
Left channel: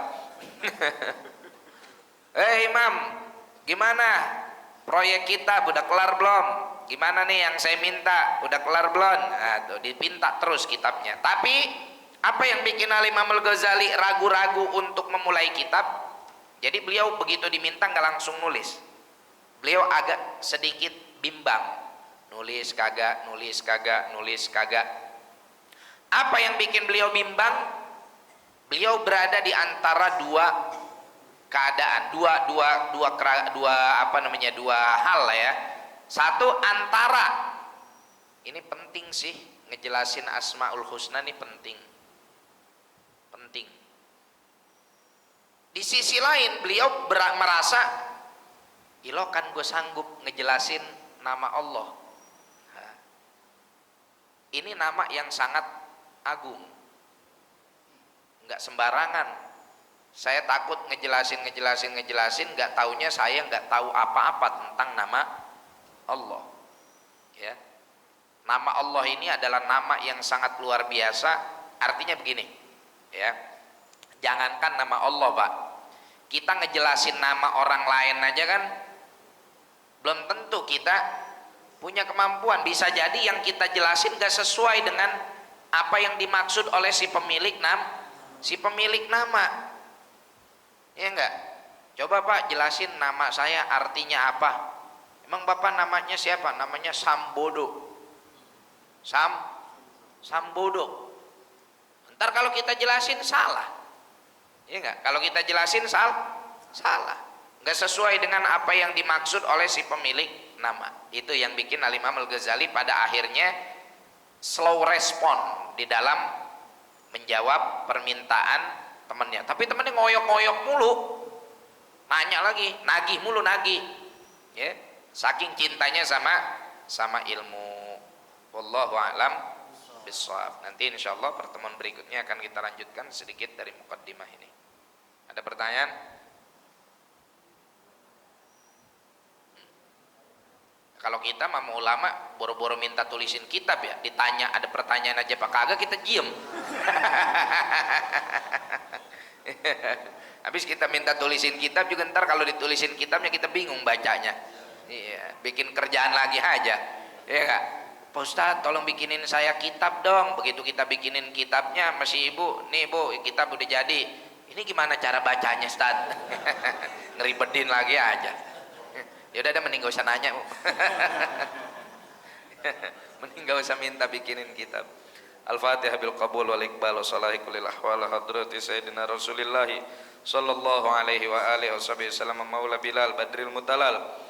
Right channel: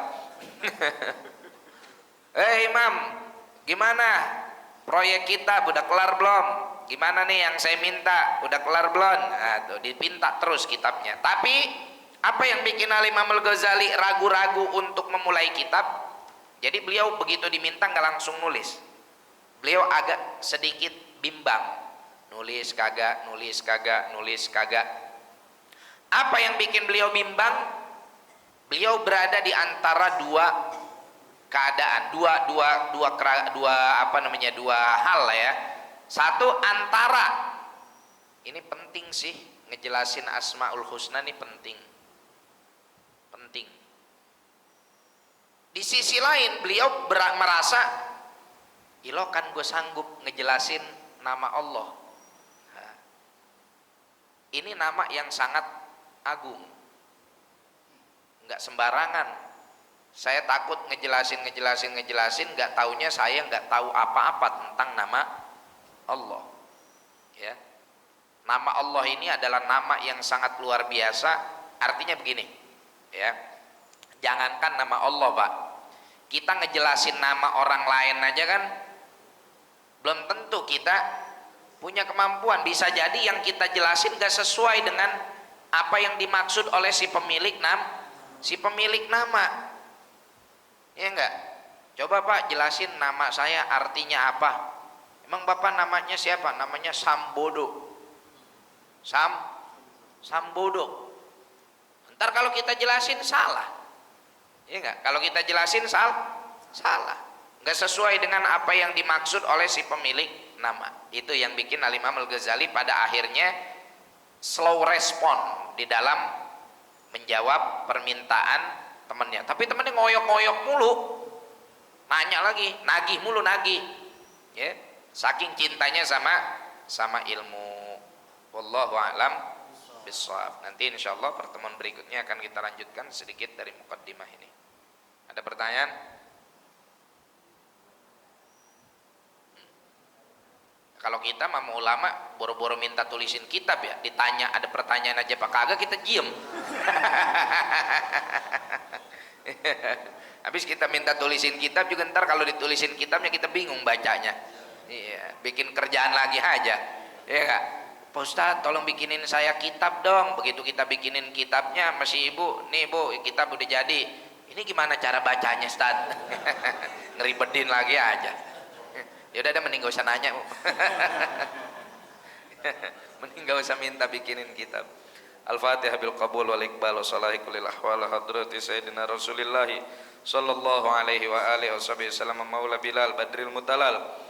Imam, gimana proyek kita udah kelar belum? Gimana nih yang saya minta udah kelar belum? Nah, tuh dipinta terus kitabnya. Tapi apa yang bikin Imam Al-Ghazali ragu-ragu untuk memulai kitab? Jadi beliau begitu diminta nggak langsung nulis. Beliau agak sedikit bimbang. Nulis kagak. Apa yang bikin beliau bimbang? Beliau berada di antara dua keadaan, dua hal lah ya. Satu, antara, ini penting sih, ngejelasin Asmaul Husna ini penting. Di sisi lain beliau merasa, ilo kan gue sanggup ngejelasin nama Allah. Nah, ini nama yang sangat agung, nggak sembarangan. Saya takut ngejelasin, nggak taunya saya nggak tahu apa-apa tentang nama Allah. Ya, nama Allah ini adalah nama yang sangat luar biasa. Artinya begini, ya, jangankan nama Allah Pak, kita ngejelasin nama orang lain aja kan belum tentu kita punya kemampuan. Bisa jadi yang kita jelasin gak sesuai dengan apa yang dimaksud oleh si pemilik nama. Ya enggak? Coba Pak jelasin nama saya artinya apa. Emang Bapak namanya siapa? Namanya Sambodo. Sambodo. Ntar kalau kita jelasin salah. Ya enggak? Kalau kita jelasin salah. Enggak sesuai dengan apa yang dimaksud oleh si pemilik nama. Itu yang bikin Imam Al-Ghazali pada akhirnya slow respon di dalam menjawab permintaan temannya. Tapi temannya ngoyok-ngoyok mulu, nanya lagi, nagih mulu ya, saking cintanya sama ilmu. Wallahu a'lam bishawab. Nanti insyaallah pertemuan berikutnya akan kita lanjutkan sedikit dari mukaddimah ini. Ada pertanyaan? Kalau kita sama ulama boro-boro minta tulisin kitab ya, ditanya ada pertanyaan aja Pak kagak, kita diem. Habis kita minta tulisin kitab juga, ntar kalau ditulisin kitabnya kita bingung bacanya. Iya, bikin kerjaan lagi aja. Ya enggak? Pak Ustadz tolong bikinin saya kitab dong. Begitu kita bikinin kitabnya, masih ibu, nih bu kitab udah jadi. Ini gimana cara bacanya, Ustaz? Ngeribetin lagi aja. Ya udah, mending gak usah nanya. Mending gak usah minta bikinin kitab. Al-Fatihah bil qabul wal iqbal wa salahi kulil ahwal hadrati sayyidina Rasulillah sallallahu alaihi wa alihi wasallam maula Bilal badril mutalal.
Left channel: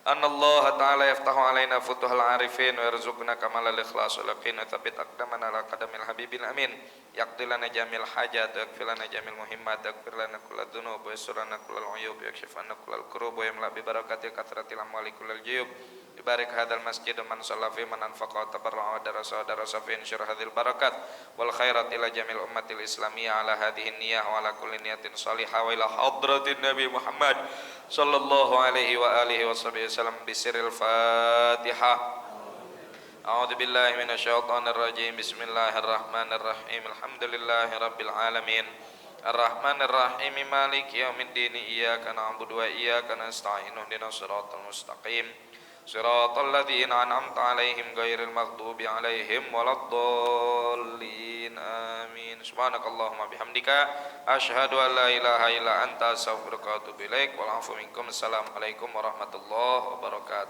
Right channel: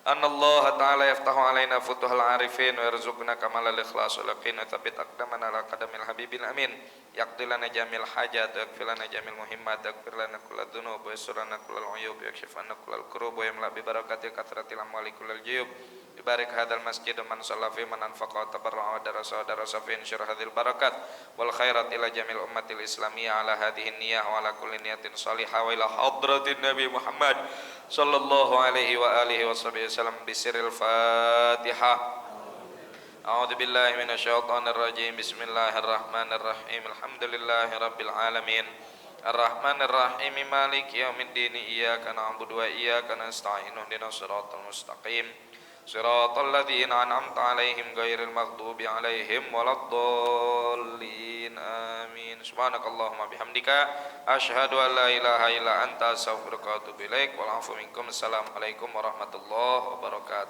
Anna Allah ta'ala yaftahu alaina futuhal arifin wa yarzuqna kamalal ikhlas wal yaqin wa thabbit aqdamana ala qadamil habibil amin yaqdi lana jamil hajat wa yakfi lana jamil muhimmat wa yakfir lana kullal dhunub wa yassir lana kullal uyub wa yakshif anna kullal kurub wa yamla bi barakati kathratil amwali kullal juyub barik hadal masjid man shalla fi man anfaqa wa tabarra'a wa darasa fi insyir hadhil barakat wal khairat ila jamil ummatil islamiyah ala hadhihi niyyah wa ala kulli niyatin salihah wa ila hadratin nabi Muhammad sallallahu alaihi wa alihi wasallam bisiril Fatihah. A'udzu billahi minasyaitonir rajim. Bismillahirrahmanirrahim. Alhamdulillahi rabbil alamin. Arrahmanir rahim. Maliki yaumiddin. Iyyaka na'budu wa iyyaka nasta'in. Ihdinas siratal mustaqim. Siratal ladzina an'amta 'alaihim ghairil maghdubi 'alaihim waladdallin. Amin. Subhanakallahumma bihamdika asyhadu an la ilaha illa anta astaghfiruka wa atubu ilaik. Wal 'afwu minkum. Assalamualaikum warahmatullahi wabarakatuh.